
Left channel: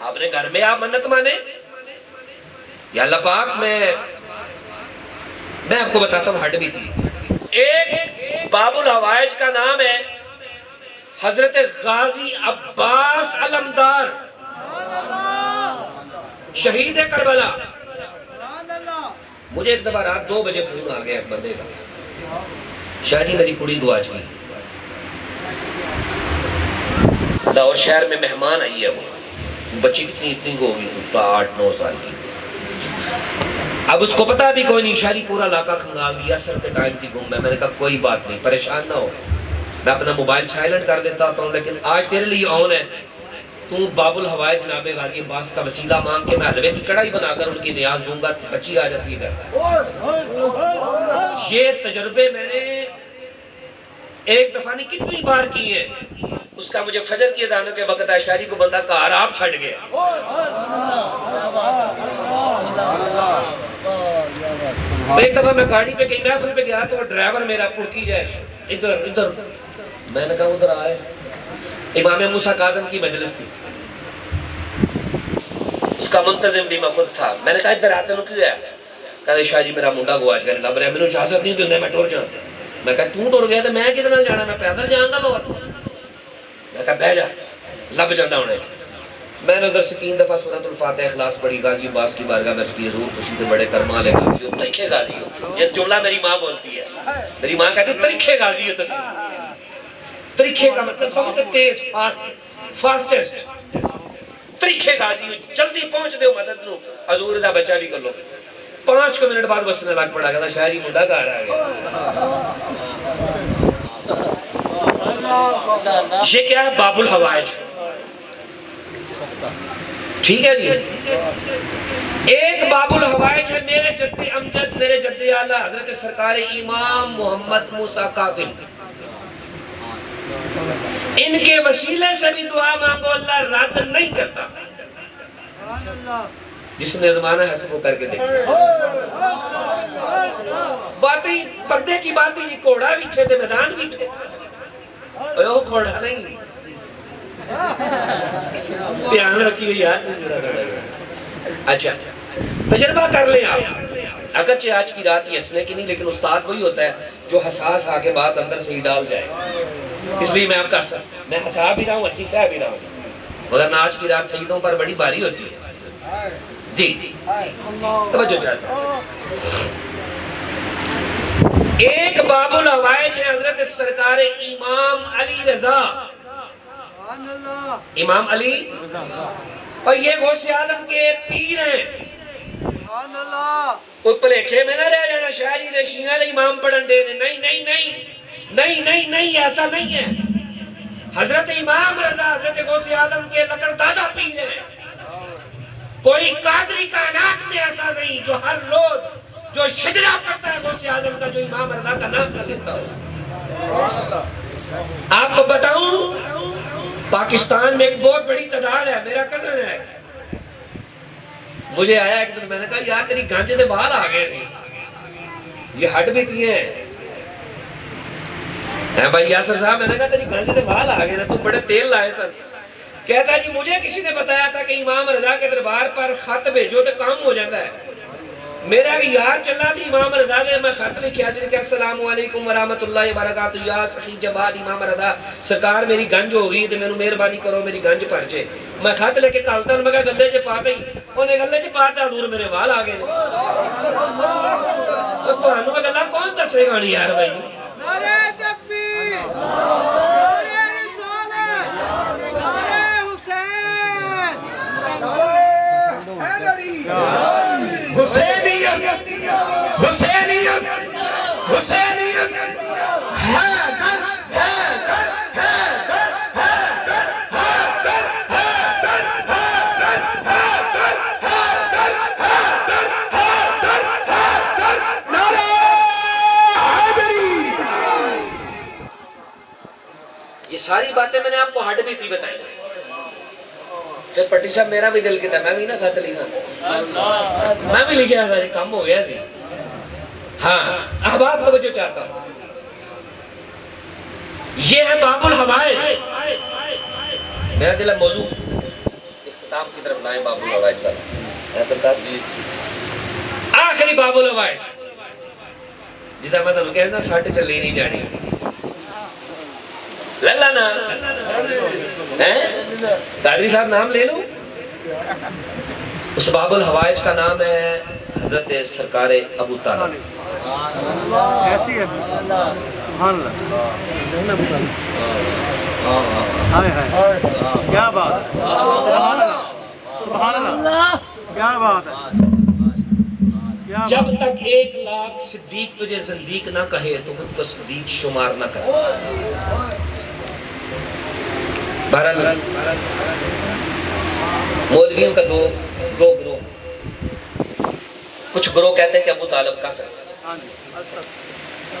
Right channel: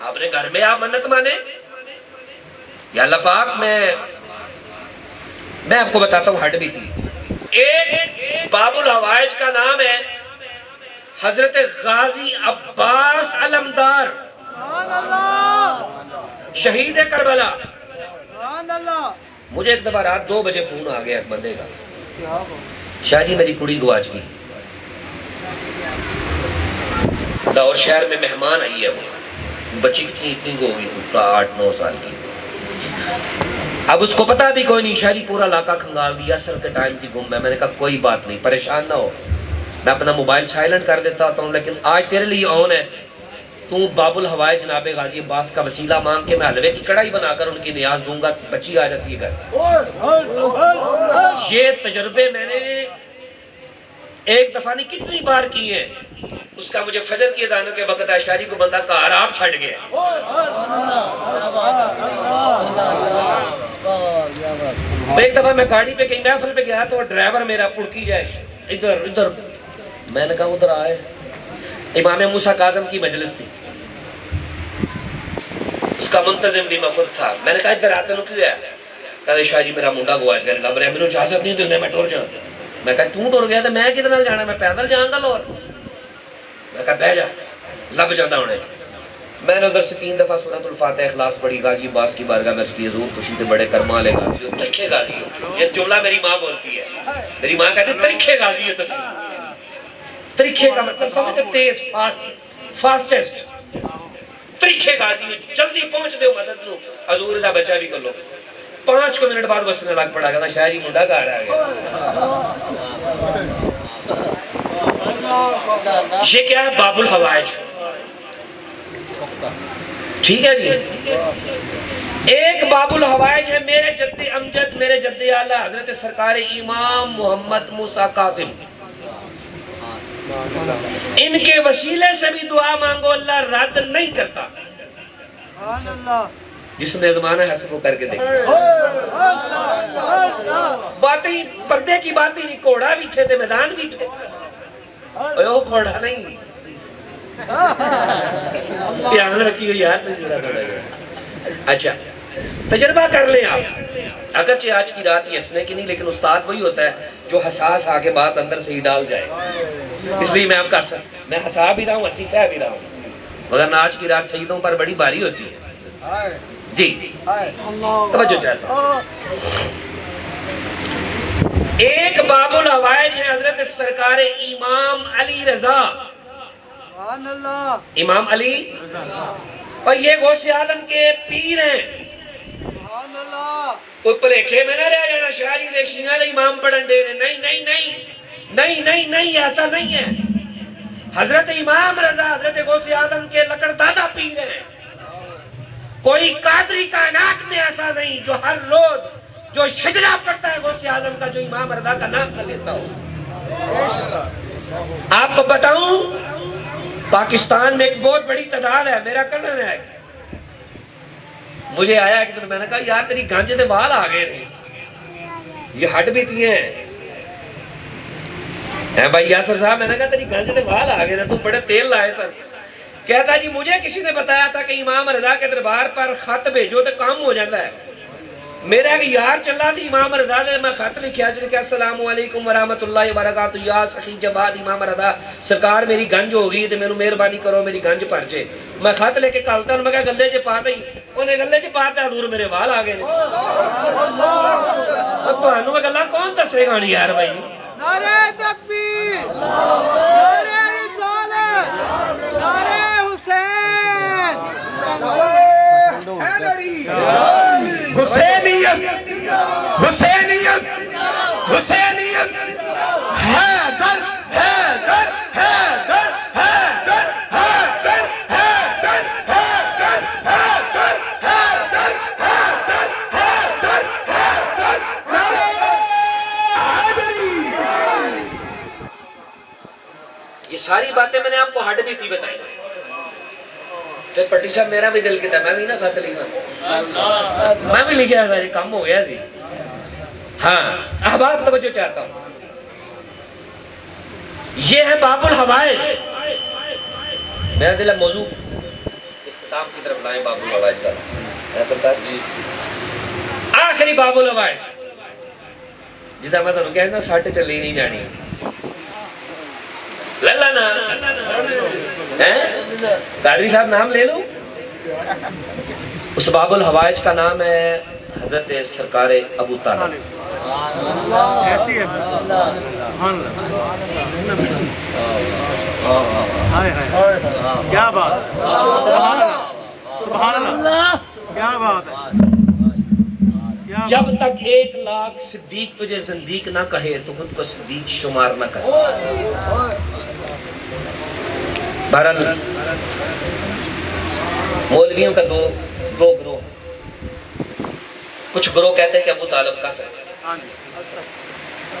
آپ نے گھر میں آپ منت مانے, یا اللہ پاک میں میں آپ کو بتاتا ہوں ہڈ بیتی. ایک باب الحوائج کا نام ہے حضرت غازی عباس علمدار شہید کربلا. مجھے ایک دفعہ رات 2 بجے فون آ گیا ایک بندے کا, شاہ جی میری کڑی گواچ گئی, لاہور شہر میں مہمان آئی ہے, وہ بچی کتنی اتنی کو ہوگی, 8-9 سال کی. اب اس کو پتا بھی کوئی نہیں, شاہ جی پورا علاقہ کھنگال دیا, سر کے ٹائم کی گم ہے. میں نے کہا کوئی بات نہیں, پریشان نہ ہو, میں اپنا موبائل سائلنٹ کر دیتا ہوں, لیکن آج تیرے لیے آن ہے. تو باب الحوائے جناب غازی عباس کا وسیلہ مان کے میں حلوے کی کڑھائی بنا کر ان کی نیاز دوں گا, بچی آ جاتی ہے گھر. یہ تجربے میں نے ایک دفعہ نہیں کتنی بار کی ہے. اس کا مجھے فجر کی اذانوں کے وقت شاعری کو بندہ کہا آپ چھڑ گیا. ایک دفعہ میں گاڑی پہ کہیں محفل پہ گیا تو ڈرائیور میرا پڑکی جائے ادھر ادھر, میں نے کہا ادھر آئے. امام موسیٰ کاظم کی مجلس تھی, اس کا منتظم بھی میں خود تھا. میں نے کہا ادھر آتے نو کیوں ہے؟ کہا شاہ جی میرا منڈا گواچ گیا, لب رہا ہے, میں نے اجازت نہیں دیندے, میں ٹور جاؤں. میں کہا توں ٹور گیا تو میں کدھر جانا, میں پیدل جاؤں گا لاہور. میں کہا بہ جا, لب جانا ہونے. میں نے ادھر سے 3 دفعہ سورۃ الفاتحہ اخلاص پڑھی, غازی عباس کی بارگاہ میں عرض کی حضور تسی تے بڑے کرم والے غازی ہو, ترکھے غازی ہو. یہ جملہ میری ماں بولتی ہے, میری ماں کہتی ترکھے غازی ہو تسی. ترکھے کا مطلب سمجھتے تیز, فاسٹسٹ. ترکھے غازی ہو, جلدی پہنچ دے مدد لو, حضور دا بچہ بھی کر لو. 5 منٹ بعد وسنے لگ پڑا گیا, شاہ جی منڈا گھر آ گیا. یہ کیا ہے؟ باب الحوائج. ٹھیک ہے جی. ایک باب الحوائج ہے میرے جد امجد, میرے جد اعلیٰ حضرت سرکار امام محمد موسیٰ کاظم. ان کے وسیلے سے بھی دعا مانگو, اللہ رد نہیں کرتا. جس نے زمانہ ہے سب کو کر کے دیکھا. باتیں پردے کی باتیں, کوڑا بھی تھے, میدان بھی تھے, وہ کوڑا نہیں. دھیان رکھی ہو یار. اچھا تجربہ کر لیں آپ, اگرچہ آج کی رات یہ ہنسنے کی نہیں, لیکن استاد وہی ہوتا ہے جو حساس آ کے بات اندر سے ہی ڈال جائے. اس لیے میں آپ کا میں ہنسا بھی رہا ہوں, ہنسی سے بھی رہا ہوں, مگر آج کی رات سیدوں پر بڑی بھاری ہوتی ہے. جی توجہ چاہتا ہوں. ایک باب الحوائج ہے حضرت سرکار امام علی رضا, امام علی, اور یہ غوث عالم کے پیر ہیں. کوئی پلیکھے میں نہ رہ جانا شاعری دے شیعہ دے امام پڑھن دے. نہیں نہیں نہیں نہیں نہیں نہیں, ایسا نہیں ہے. حضرت امام رضا حضرت غوث عالم کے لکڑ دادا پیر ہیں. کوئی قادری کائنات میں ایسا نہیں جو ہر روز جو شجرہ پڑھتا ہے غوث عالم کا, جو امام رضا کا نام کر لیتا ہو. آپ کو بتاؤں پاکستان میں ایک بہت بڑی تعداد ہے. میرا کزن ہے, مجھے آیا ایک دن, میں نے کہا یار تیری گانجے دے بال آ گئے تھے, یہ ہٹ بھی تھی ہیں بھائی یاسر صاحب. میں نے کہا تیری گانجے دے بال آ گئے تھے, تو بڑے تیل لائے سر. کہتا جی مجھے کسی نے بتایا تھا کہ امام رضا کے دربار پر خط بھیجو تو کام ہو جاتا ہے. میرا ایک یار چلا تھی امام رضا دے, میں خط لکھیا جی کہ السلام علیکم ورحمۃ اللہ وبرکاتہ, یا سخی جباد امام رضا سرکار میری گنج ہو گئی, میرے مہربانی کرو میری گنج بھر جے. میں خط لے کے کالتا, میں کہا گلے چ پا دیں. انہیں گلے چ پا دیا, حضور میرے وال آ گئے. تمہوں میں گلا کون دسے گا یار بھائی. نعرہ تکبیر, نعرہ رسالت, نعرہ حسین, نعرہ حیدری, حسینیت, حسینیت, حسینیت, حیدر, حیدر, حیدر, حیدر, حیدر, حیدر, حیدر, حیدر, حیدر, حیدر, حیدر, حیدر, نعرہ حیدری. یہ ساری باتیں میں نے آپ کو ہڈ بیتی بتائی. پھر پٹی صاحب میرا بھی دل کہتا ہے میں بھی نہ خط لکھا, میں بھی لکھا تھا, کم ہو گیا جی. ہاں اب آپ توجہ چاہتا ہوں. یہ ہے باب الحوائج. میرا دل ہے موضوع اختتام کی طرف لائیں باب الحوائج کا. آخری باب الحوائج. جدا میں تمہیں کہنا ساٹھ چلی نہیں جانی للا نا قادری صاحب نام لے لو. اس باب الحوائج کا نام ہے حضرت سرکار ابو طالب. کیا بات سبحان اللہ کیا بات ہے. جب تک 1,00,000 صدیق تجھے زندیق نہ کہے تو خود کو صدیق شمار نہ کرے. بہرحال مولویوں کا دو گروہ. کچھ گروہ کہتے ہیں کہ ابو طالب کافر ہے,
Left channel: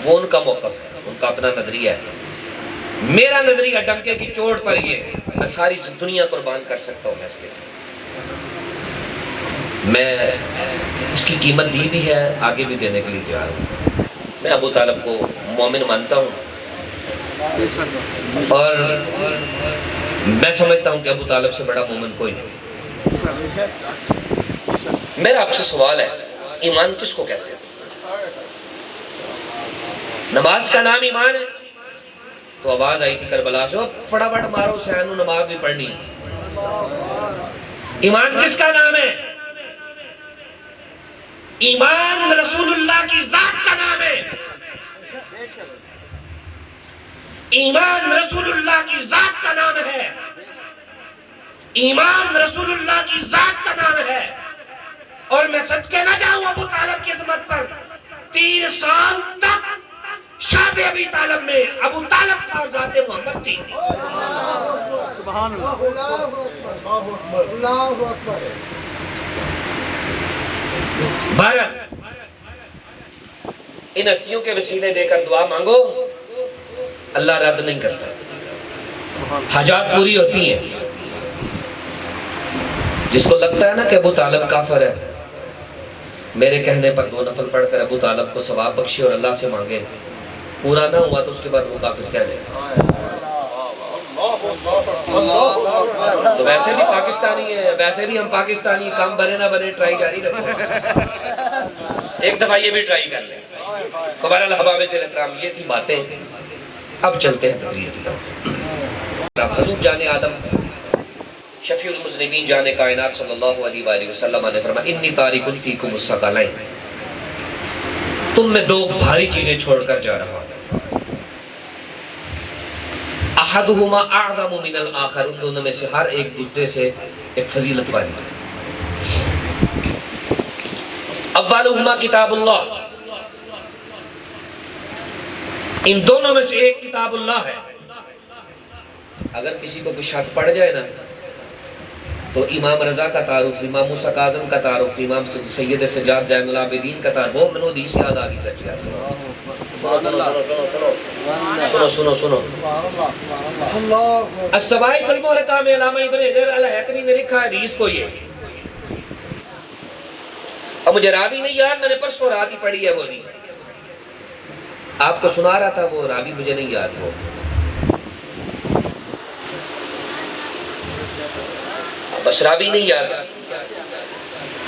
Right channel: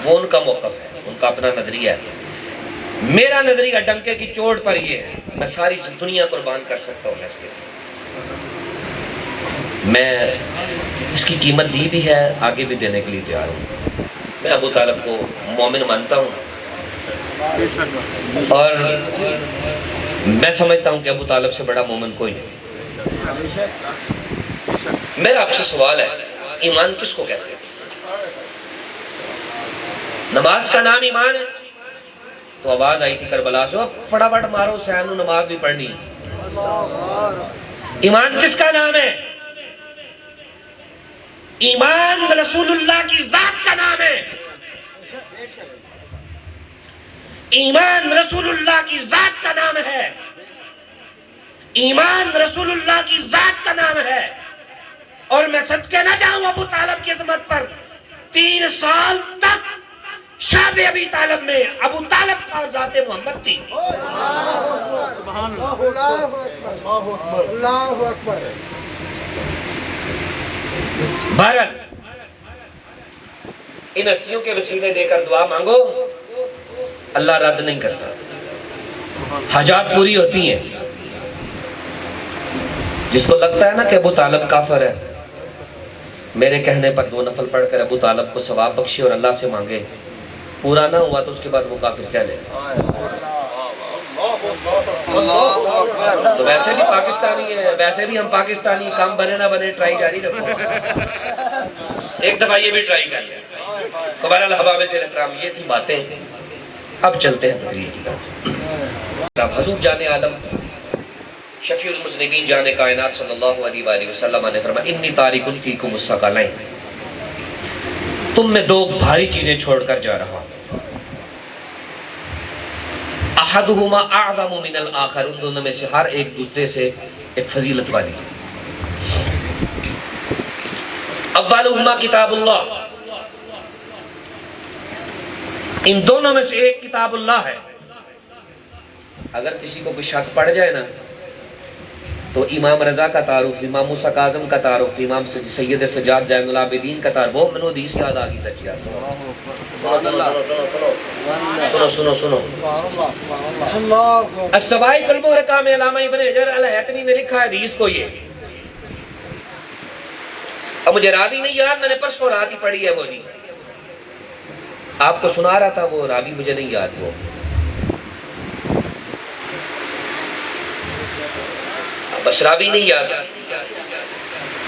وہ ان کا موقف ہے, ان کا اپنا نظریہ ہے. میرا نظریہ ڈنکے کی چوٹ پر یہ ہے, میں ساری دنیا قربان کر سکتا ہوں اس کے لیے. میں اس کی قیمت دی بھی ہے, آگے بھی دینے کے لیے تیار ہوں. میں ابو طالب کو مومن مانتا ہوں اور میں سمجھتا ہوں کہ ابو طالب سے بڑا مومن کوئی نہیں. میرا آپ سے سوال ہے, ایمان کس کو کہتے ہیں؟ نماز کا نام ایمان ہے. تو آواز آئی تھی کربلا سے, فٹافٹ مارو حسین, نماز بھی پڑھنی. ایمان کس کا نام ہے؟ ایمان رسول اللہ کی ذات کا نام ہے. ایمان رسول اللہ کی ذات کا نام ہے. ایمان رسول اللہ کی ذات کا نام ہے. اور میں صدقے نہ جاؤں ابو طالب کی عظمت پر, 3 سال تک شعب ابی طالب میں ابو طالب کا اور ذات محمد تھی. سبحان اللہ اکبر. بہرحال ان ہستیوں کے وسیلے دے کر دعا مانگو, اللہ رد نہیں کرتا, حاجات پوری ہوتی ہیں. جس کو لگتا ہے نا کہ ابو طالب کافر ہے, میرے کہنے پر 2 نفل پڑھ کر ابو طالب کو ثواب بخشے اور اللہ سے مانگے. پورا نہ ہوا تو اس کے بعد وہ کافر کہہ لے. تو ویسے بھی پاکستانی ہے, ویسے بھی ہم پاکستانی, کام بنے نہ بنے ٹرائی جاری رکھو. ایک دفعہ یہ بھی ٹرائی کر لیں. تو بہرحال احباب اکرام, یہ تھی باتیں. اب چلتے ہیں تقریر کی طرف. حضور جان عالم شفیع المذنبین جان کائنات صلی اللہ علیہ وآلہ وسلم نے فرمایا, انی تارک فیکم الثقلین, تم میں 2 بھاری چیزیں چھوڑ کر جا رہا ہوں. احدہما اعظم من الاخر, ان دونوں میں سے ہر ایک دوسرے سے ایک فضیلت والی. اولہما کتاب اللہ, ان دونوں میں سے ایک کتاب اللہ ہے. اگر کسی کو کوئی شک پڑ جائے نا تو امام رضا کا تعارف, امام موسیٰ کاظم کا تعارف, امام سید سجاد زین العابدین کا تعارف. وہ منو حدیث یاد آ گئی سچ یار. سنو سنو السبائی قلب و رقام علامہ ابن حجر الحیتمی نے لکھا حدیث کو. یہ اب مجھے راوی نہیں یاد, میں نے پرسوں رات ہی پڑھی ہے وہ حدیث, آپ کو سنا رہا تھا. وہ راوی مجھے نہیں یاد. وہ بس راوی نہیں یاد.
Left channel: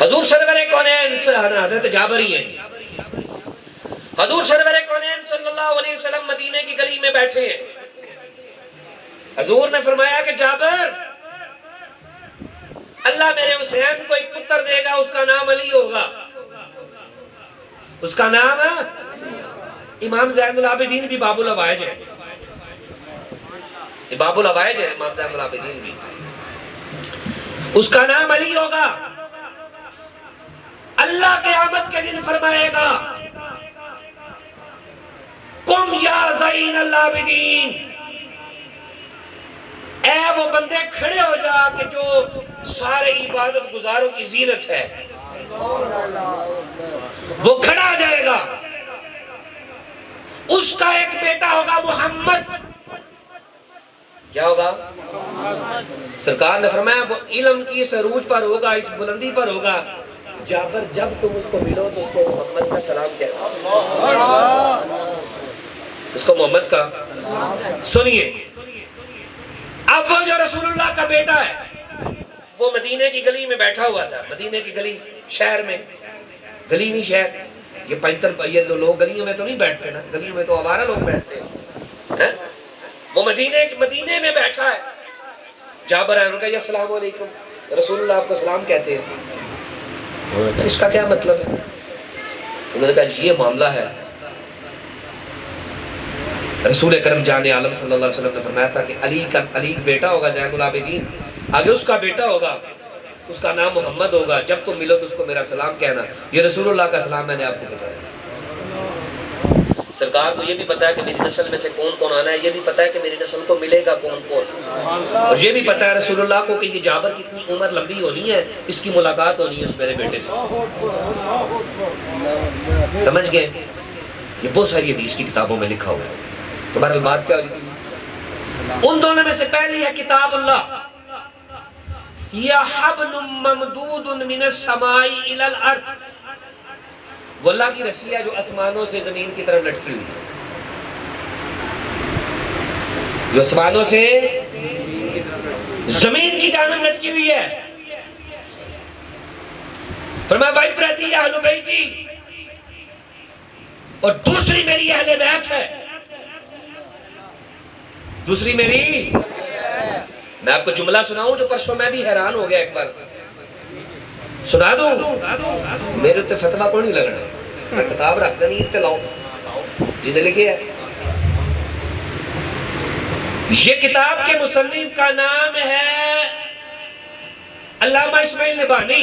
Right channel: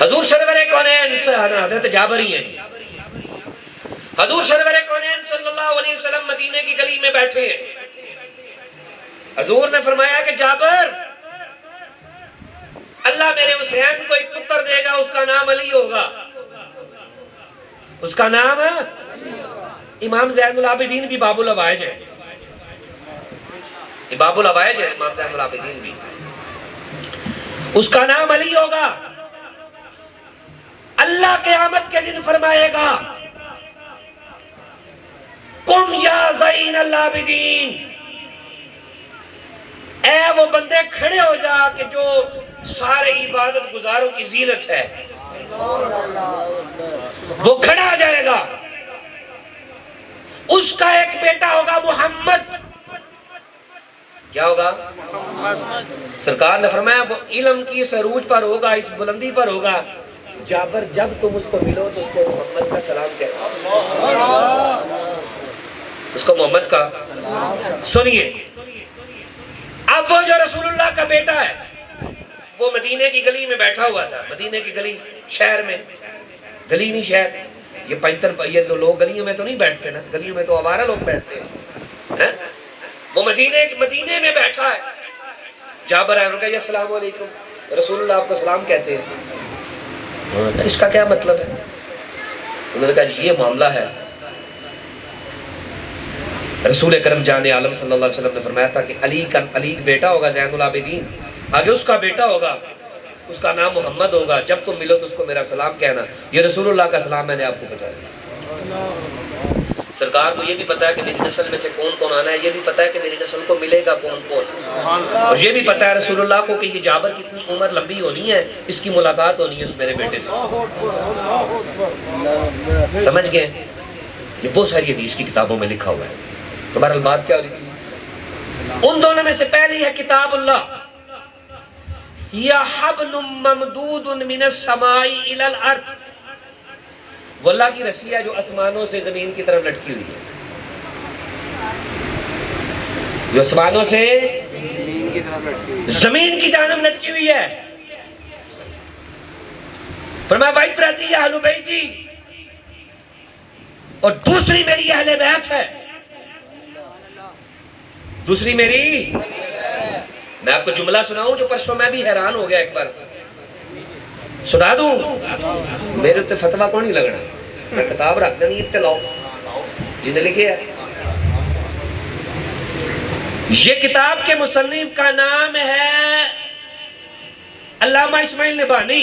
حضور سرور کونین سے حضرت جابر ہی ہیں. حضور سرور کونین صلی اللہ علیہ وسلم مدینے کی گلی میں بیٹھے ہیں. حضور نے فرمایا کہ جابر, اللہ میرے حسین کو ایک پتر دے گا, اس کا نام علی ہوگا. اس کا نام امام زین العابدین بھی باب الحوائج ہے. باب الحوائج ہے امام زین العابدین بھی. اس کا نام علی ہوگا. اللہ قیامت کے دن فرمائے گا, قم یا زین العابدین, اے وہ بندے کھڑے ہو جا کہ جو سارے عبادت گزاروں کی زینت ہے. وہ کھڑا ہو جائے گا. اس کا ایک بیٹا ہوگا محمد. کیا ہوگا؟ سرکار نے فرمایا وہ علم کی اس عروج پر ہوگا, اس بلندی پر ہوگا. جابر جب تم اس کو ملو تو اس کو محمد کا سلام کہنا. اس کو محمد کا. سنیے, اب وہ جو رسول اللہ کا بیٹا ہے وہ مدینے کی گلی میں بیٹھا ہوا تھا. مدینے کی گلی, شہر میں, گلی نہیں شہر. یہ پینتر یہ لوگ گلیوں میں تو نہیں بیٹھتے نا, گلیوں میں تو آوارہ لوگ بیٹھتے ہیں. وہ مدینے میں بیٹھا ہے. جابر ہے, انہوں نے کہا السلام علیکم, رسول اللہ آپ کو سلام کہتے ہیں. انہوں نے کہا اس کا کیا مطلب ہے؟ انہوں نے کہا یہ معاملہ ہے, رسول اکرم جان عالم صلی اللہ علیہ وسلم نے فرمایا تھا کہ علی کا بیٹا ہوگا زین العابدین, آگے اس کا بیٹا ہوگا, اس کا نام محمد ہوگا, جب تم ملو تو اس کو میرا سلام کہنا. یہ رسول اللہ کا سلام میں نے آپ کو بتایا. سرکار کو یہ بھی پتا ہے کہ میری نسل میں سے کون کون آنا ہے, یہ بھی پتا ہے کہ میری نسل کو ملے گا کون کون, اور یہ بھی پتا ہے رسول اللہ کو کہ یہ جابر کی اتنی عمر لمبی ہونی ہے, اس کی ملاقات ہونی ہے اس میرے بیٹے سے. سمجھ گئے؟ یہ بہت ساری حدیث کی کتابوں میں لکھا ہوا ہے. تمہارا بات کیا ہو رہی تھی؟ ان دونوں میں سے پہلی ہے کتاب اللہ, یا حبل ممدود من السماء الى الارض, وہ اللہ کی رسی ہے جو آسمانوں سے زمین کی طرف لٹکی ہوئی ہے, جو آسمانوں سے زمین کی جانب لٹکی ہوئی ہے. فرمایا بعترتی اہل بیتی, اور دوسری میری اہل بیت ہے. دوسری میری, میں آپ کو جملہ سناؤں جو پرسوں میں بھی حیران ہو گیا, ایک بار سنا دوں, میرے اتنے فتوہ کو نہیں لگنا, میں کتاب رکھ دیں نیت کے لاؤ جنہیں لکھے ہے. یہ کتاب کے مصنف کا نام ہے علامہ اسماعیل نبہانی.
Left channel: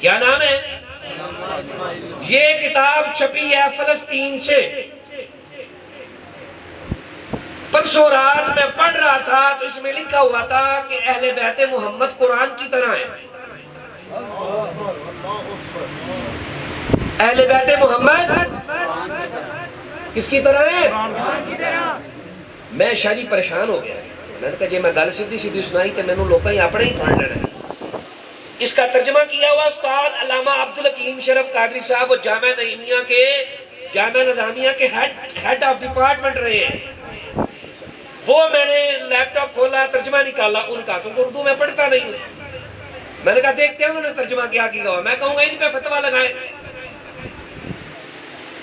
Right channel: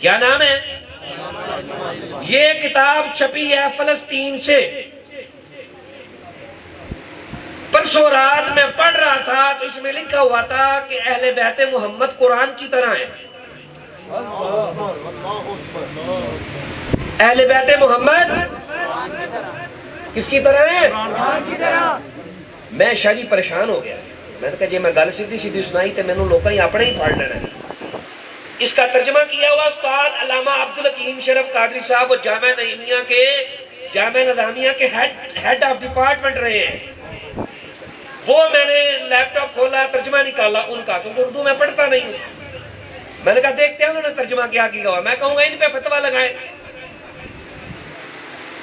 کیا نام ہے؟ یہ کتاب چھپی ہے فلسطین سے. پرسوں رات میں پڑھ رہا تھا تو اس میں لکھا ہوا تھا کہ اہل بیت محمد قرآن کی طرح ہیں. اہل بیت محمد کس کی طرح ہیں؟ میں شاید پریشان ہو گیا. میں نے کہا جی میں گل سیدھی سنائی تو میں نے لوگوں ہی اپنے ہی پڑھ لینا ہے. اس کا ترجمہ کیا ہوا استاد علامہ عبدالحکیم شرف قادری صاحب, وہ جامعہ نظامیہ کے ہیڈ آف ڈپارٹمنٹ رہے ہیں. وہ میں نے لیپ ٹاپ کھولا, ترجمہ نکالا ان کا, کیونکہ اردو میں پڑھتا نہیں ہوں. میں نے کہا دیکھتے ہیں انہوں نے ترجمہ کیا ہوا. میں کہوں گا ان پہ فتویٰ لگائیں,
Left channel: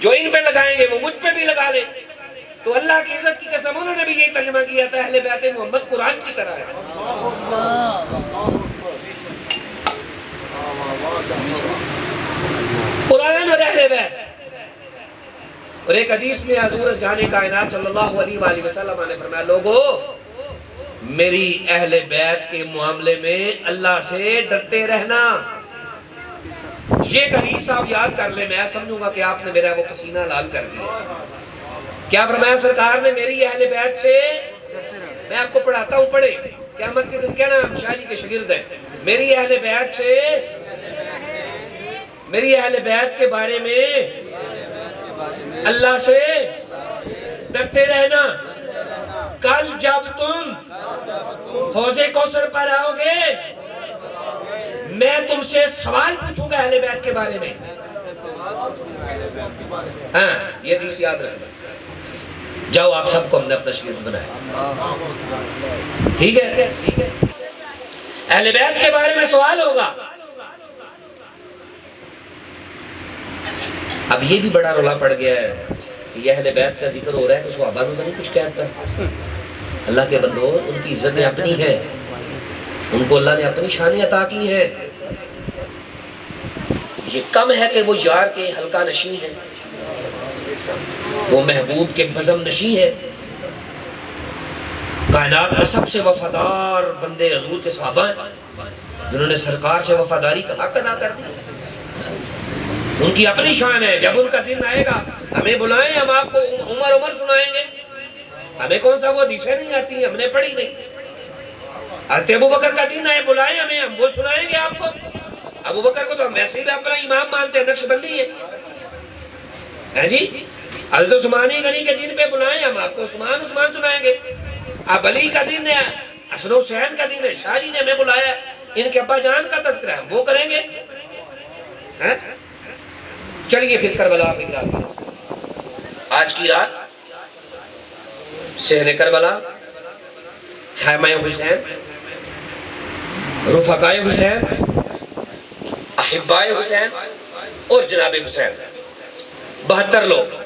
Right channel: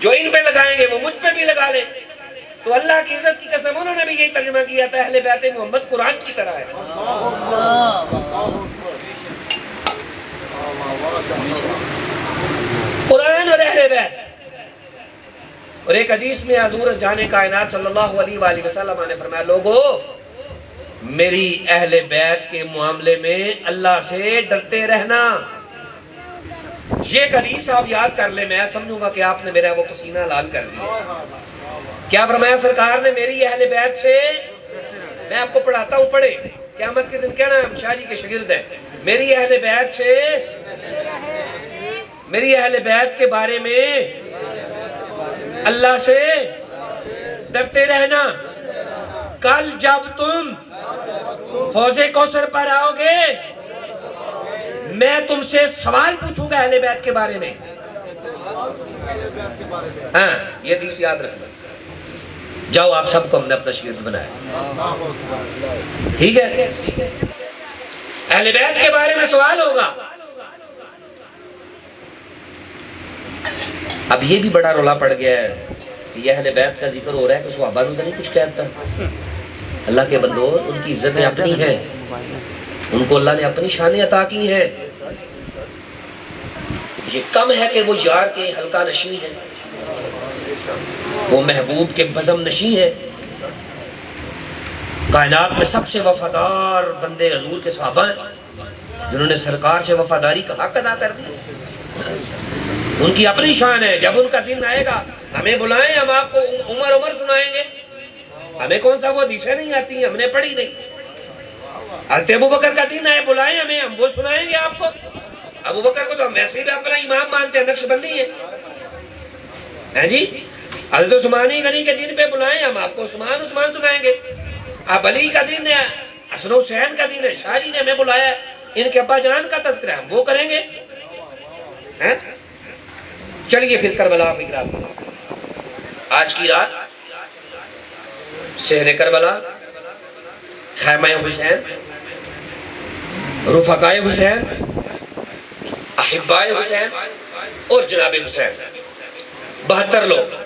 جو ان پہ لگائیں گے وہ مجھ پہ بھی لگا لیں. تو اللہ کی عزت کی قسم انہوں نے بھی یہی ترجمہ کیا تھا, اہل بیت محمد قرآن کی طرح ہے. قرآن اور اہل بیت. اور ایک حدیث میں حضور جان کائنات صلی اللہ علیہ وآلہ وسلم نے فرمایا, لوگو میری اہل بیت کے معاملے میں اللہ سے ڈرتے رہنا. یہ ایک حدیث آپ یاد کر لیں, میں سمجھوں گا کہ آپ نے میرا وہ پسینہ لال کر دیا. کیا فرمایا سرکار نے؟ میری اہل بیت سے, میں آپ کو پڑھاتا ہوں, پڑھے قیامت کے دن کہنا ہم شاہ جی کے شاگرد ہیں. میری اہل بیت سے, میری اہل بیت کے بارے میں اللہ سے ڈرتے رہنا. کل جب تم حوض کوثر پر آؤ گے میں تم سے سوال پوچھوں گا اہل بیت کے بارے میں. ہاں یہ حدیث یاد رکھنا. جاؤ آپ سب کو ہم نے اپنا شاگرد بنایا, ٹھیک ہے؟ اہل بیت کے بارے میں سوال ہوگا. اب یہ بھی بڑا رولا پڑ گیا ہے کہ یہ اہل بیت کا ذکر ہو رہا ہے کہ صحابہ نے نہیں کچھ کہتا. اللہ کے بندو, ان کی عزتیں اپنی ہیں, ان کو اللہ نے اپنی شان عطا کی ہے. یہ کم ہے کہ وہ یار کے حلقہ نشین ہے, وہ محبوب کے بزم نشین ہے. کائنات میں سب سے وفادار بندے حضور کے صحابہ ہیں, جنہوں نے سرکار سے وفاداری کا حق ادا کر دیا. ان کی اپنی شان ہے. جب ان کا دن آئے گا ہمیں بلائیں, ہم آپ کو عمر سنائیں گے. ہمیں کون سا وہ حدیثیں نہیں آتی ہیں, ہم نے پڑھی نہیں. حضرت ابو بکر کا دن آئے, بلائیں ہمیں, ہم وہ سنائیں گے آپ کو. ابو بکر کو تو ہم ویسے بھی اپنا امام مانتے ہیں, نقشبندی ہے جی. حضرت عثمانی غنی کے دن پہ بلائیں, ہم آپ کو عثمان سنائیں گے. اب علی کا دن ہے, حسن حسین کا دن ہے, شاہ جی نے ہمیں بلایا, ان کے ابا جان کا تذکرہ ہے, وہ کریں گے. چلیے پھر کربلا کی رات, آج کی رات صحن کربلا, خیمہ حسین, رفقائے حسین, احبائے حسین, اور جناب حسین 72 لوگ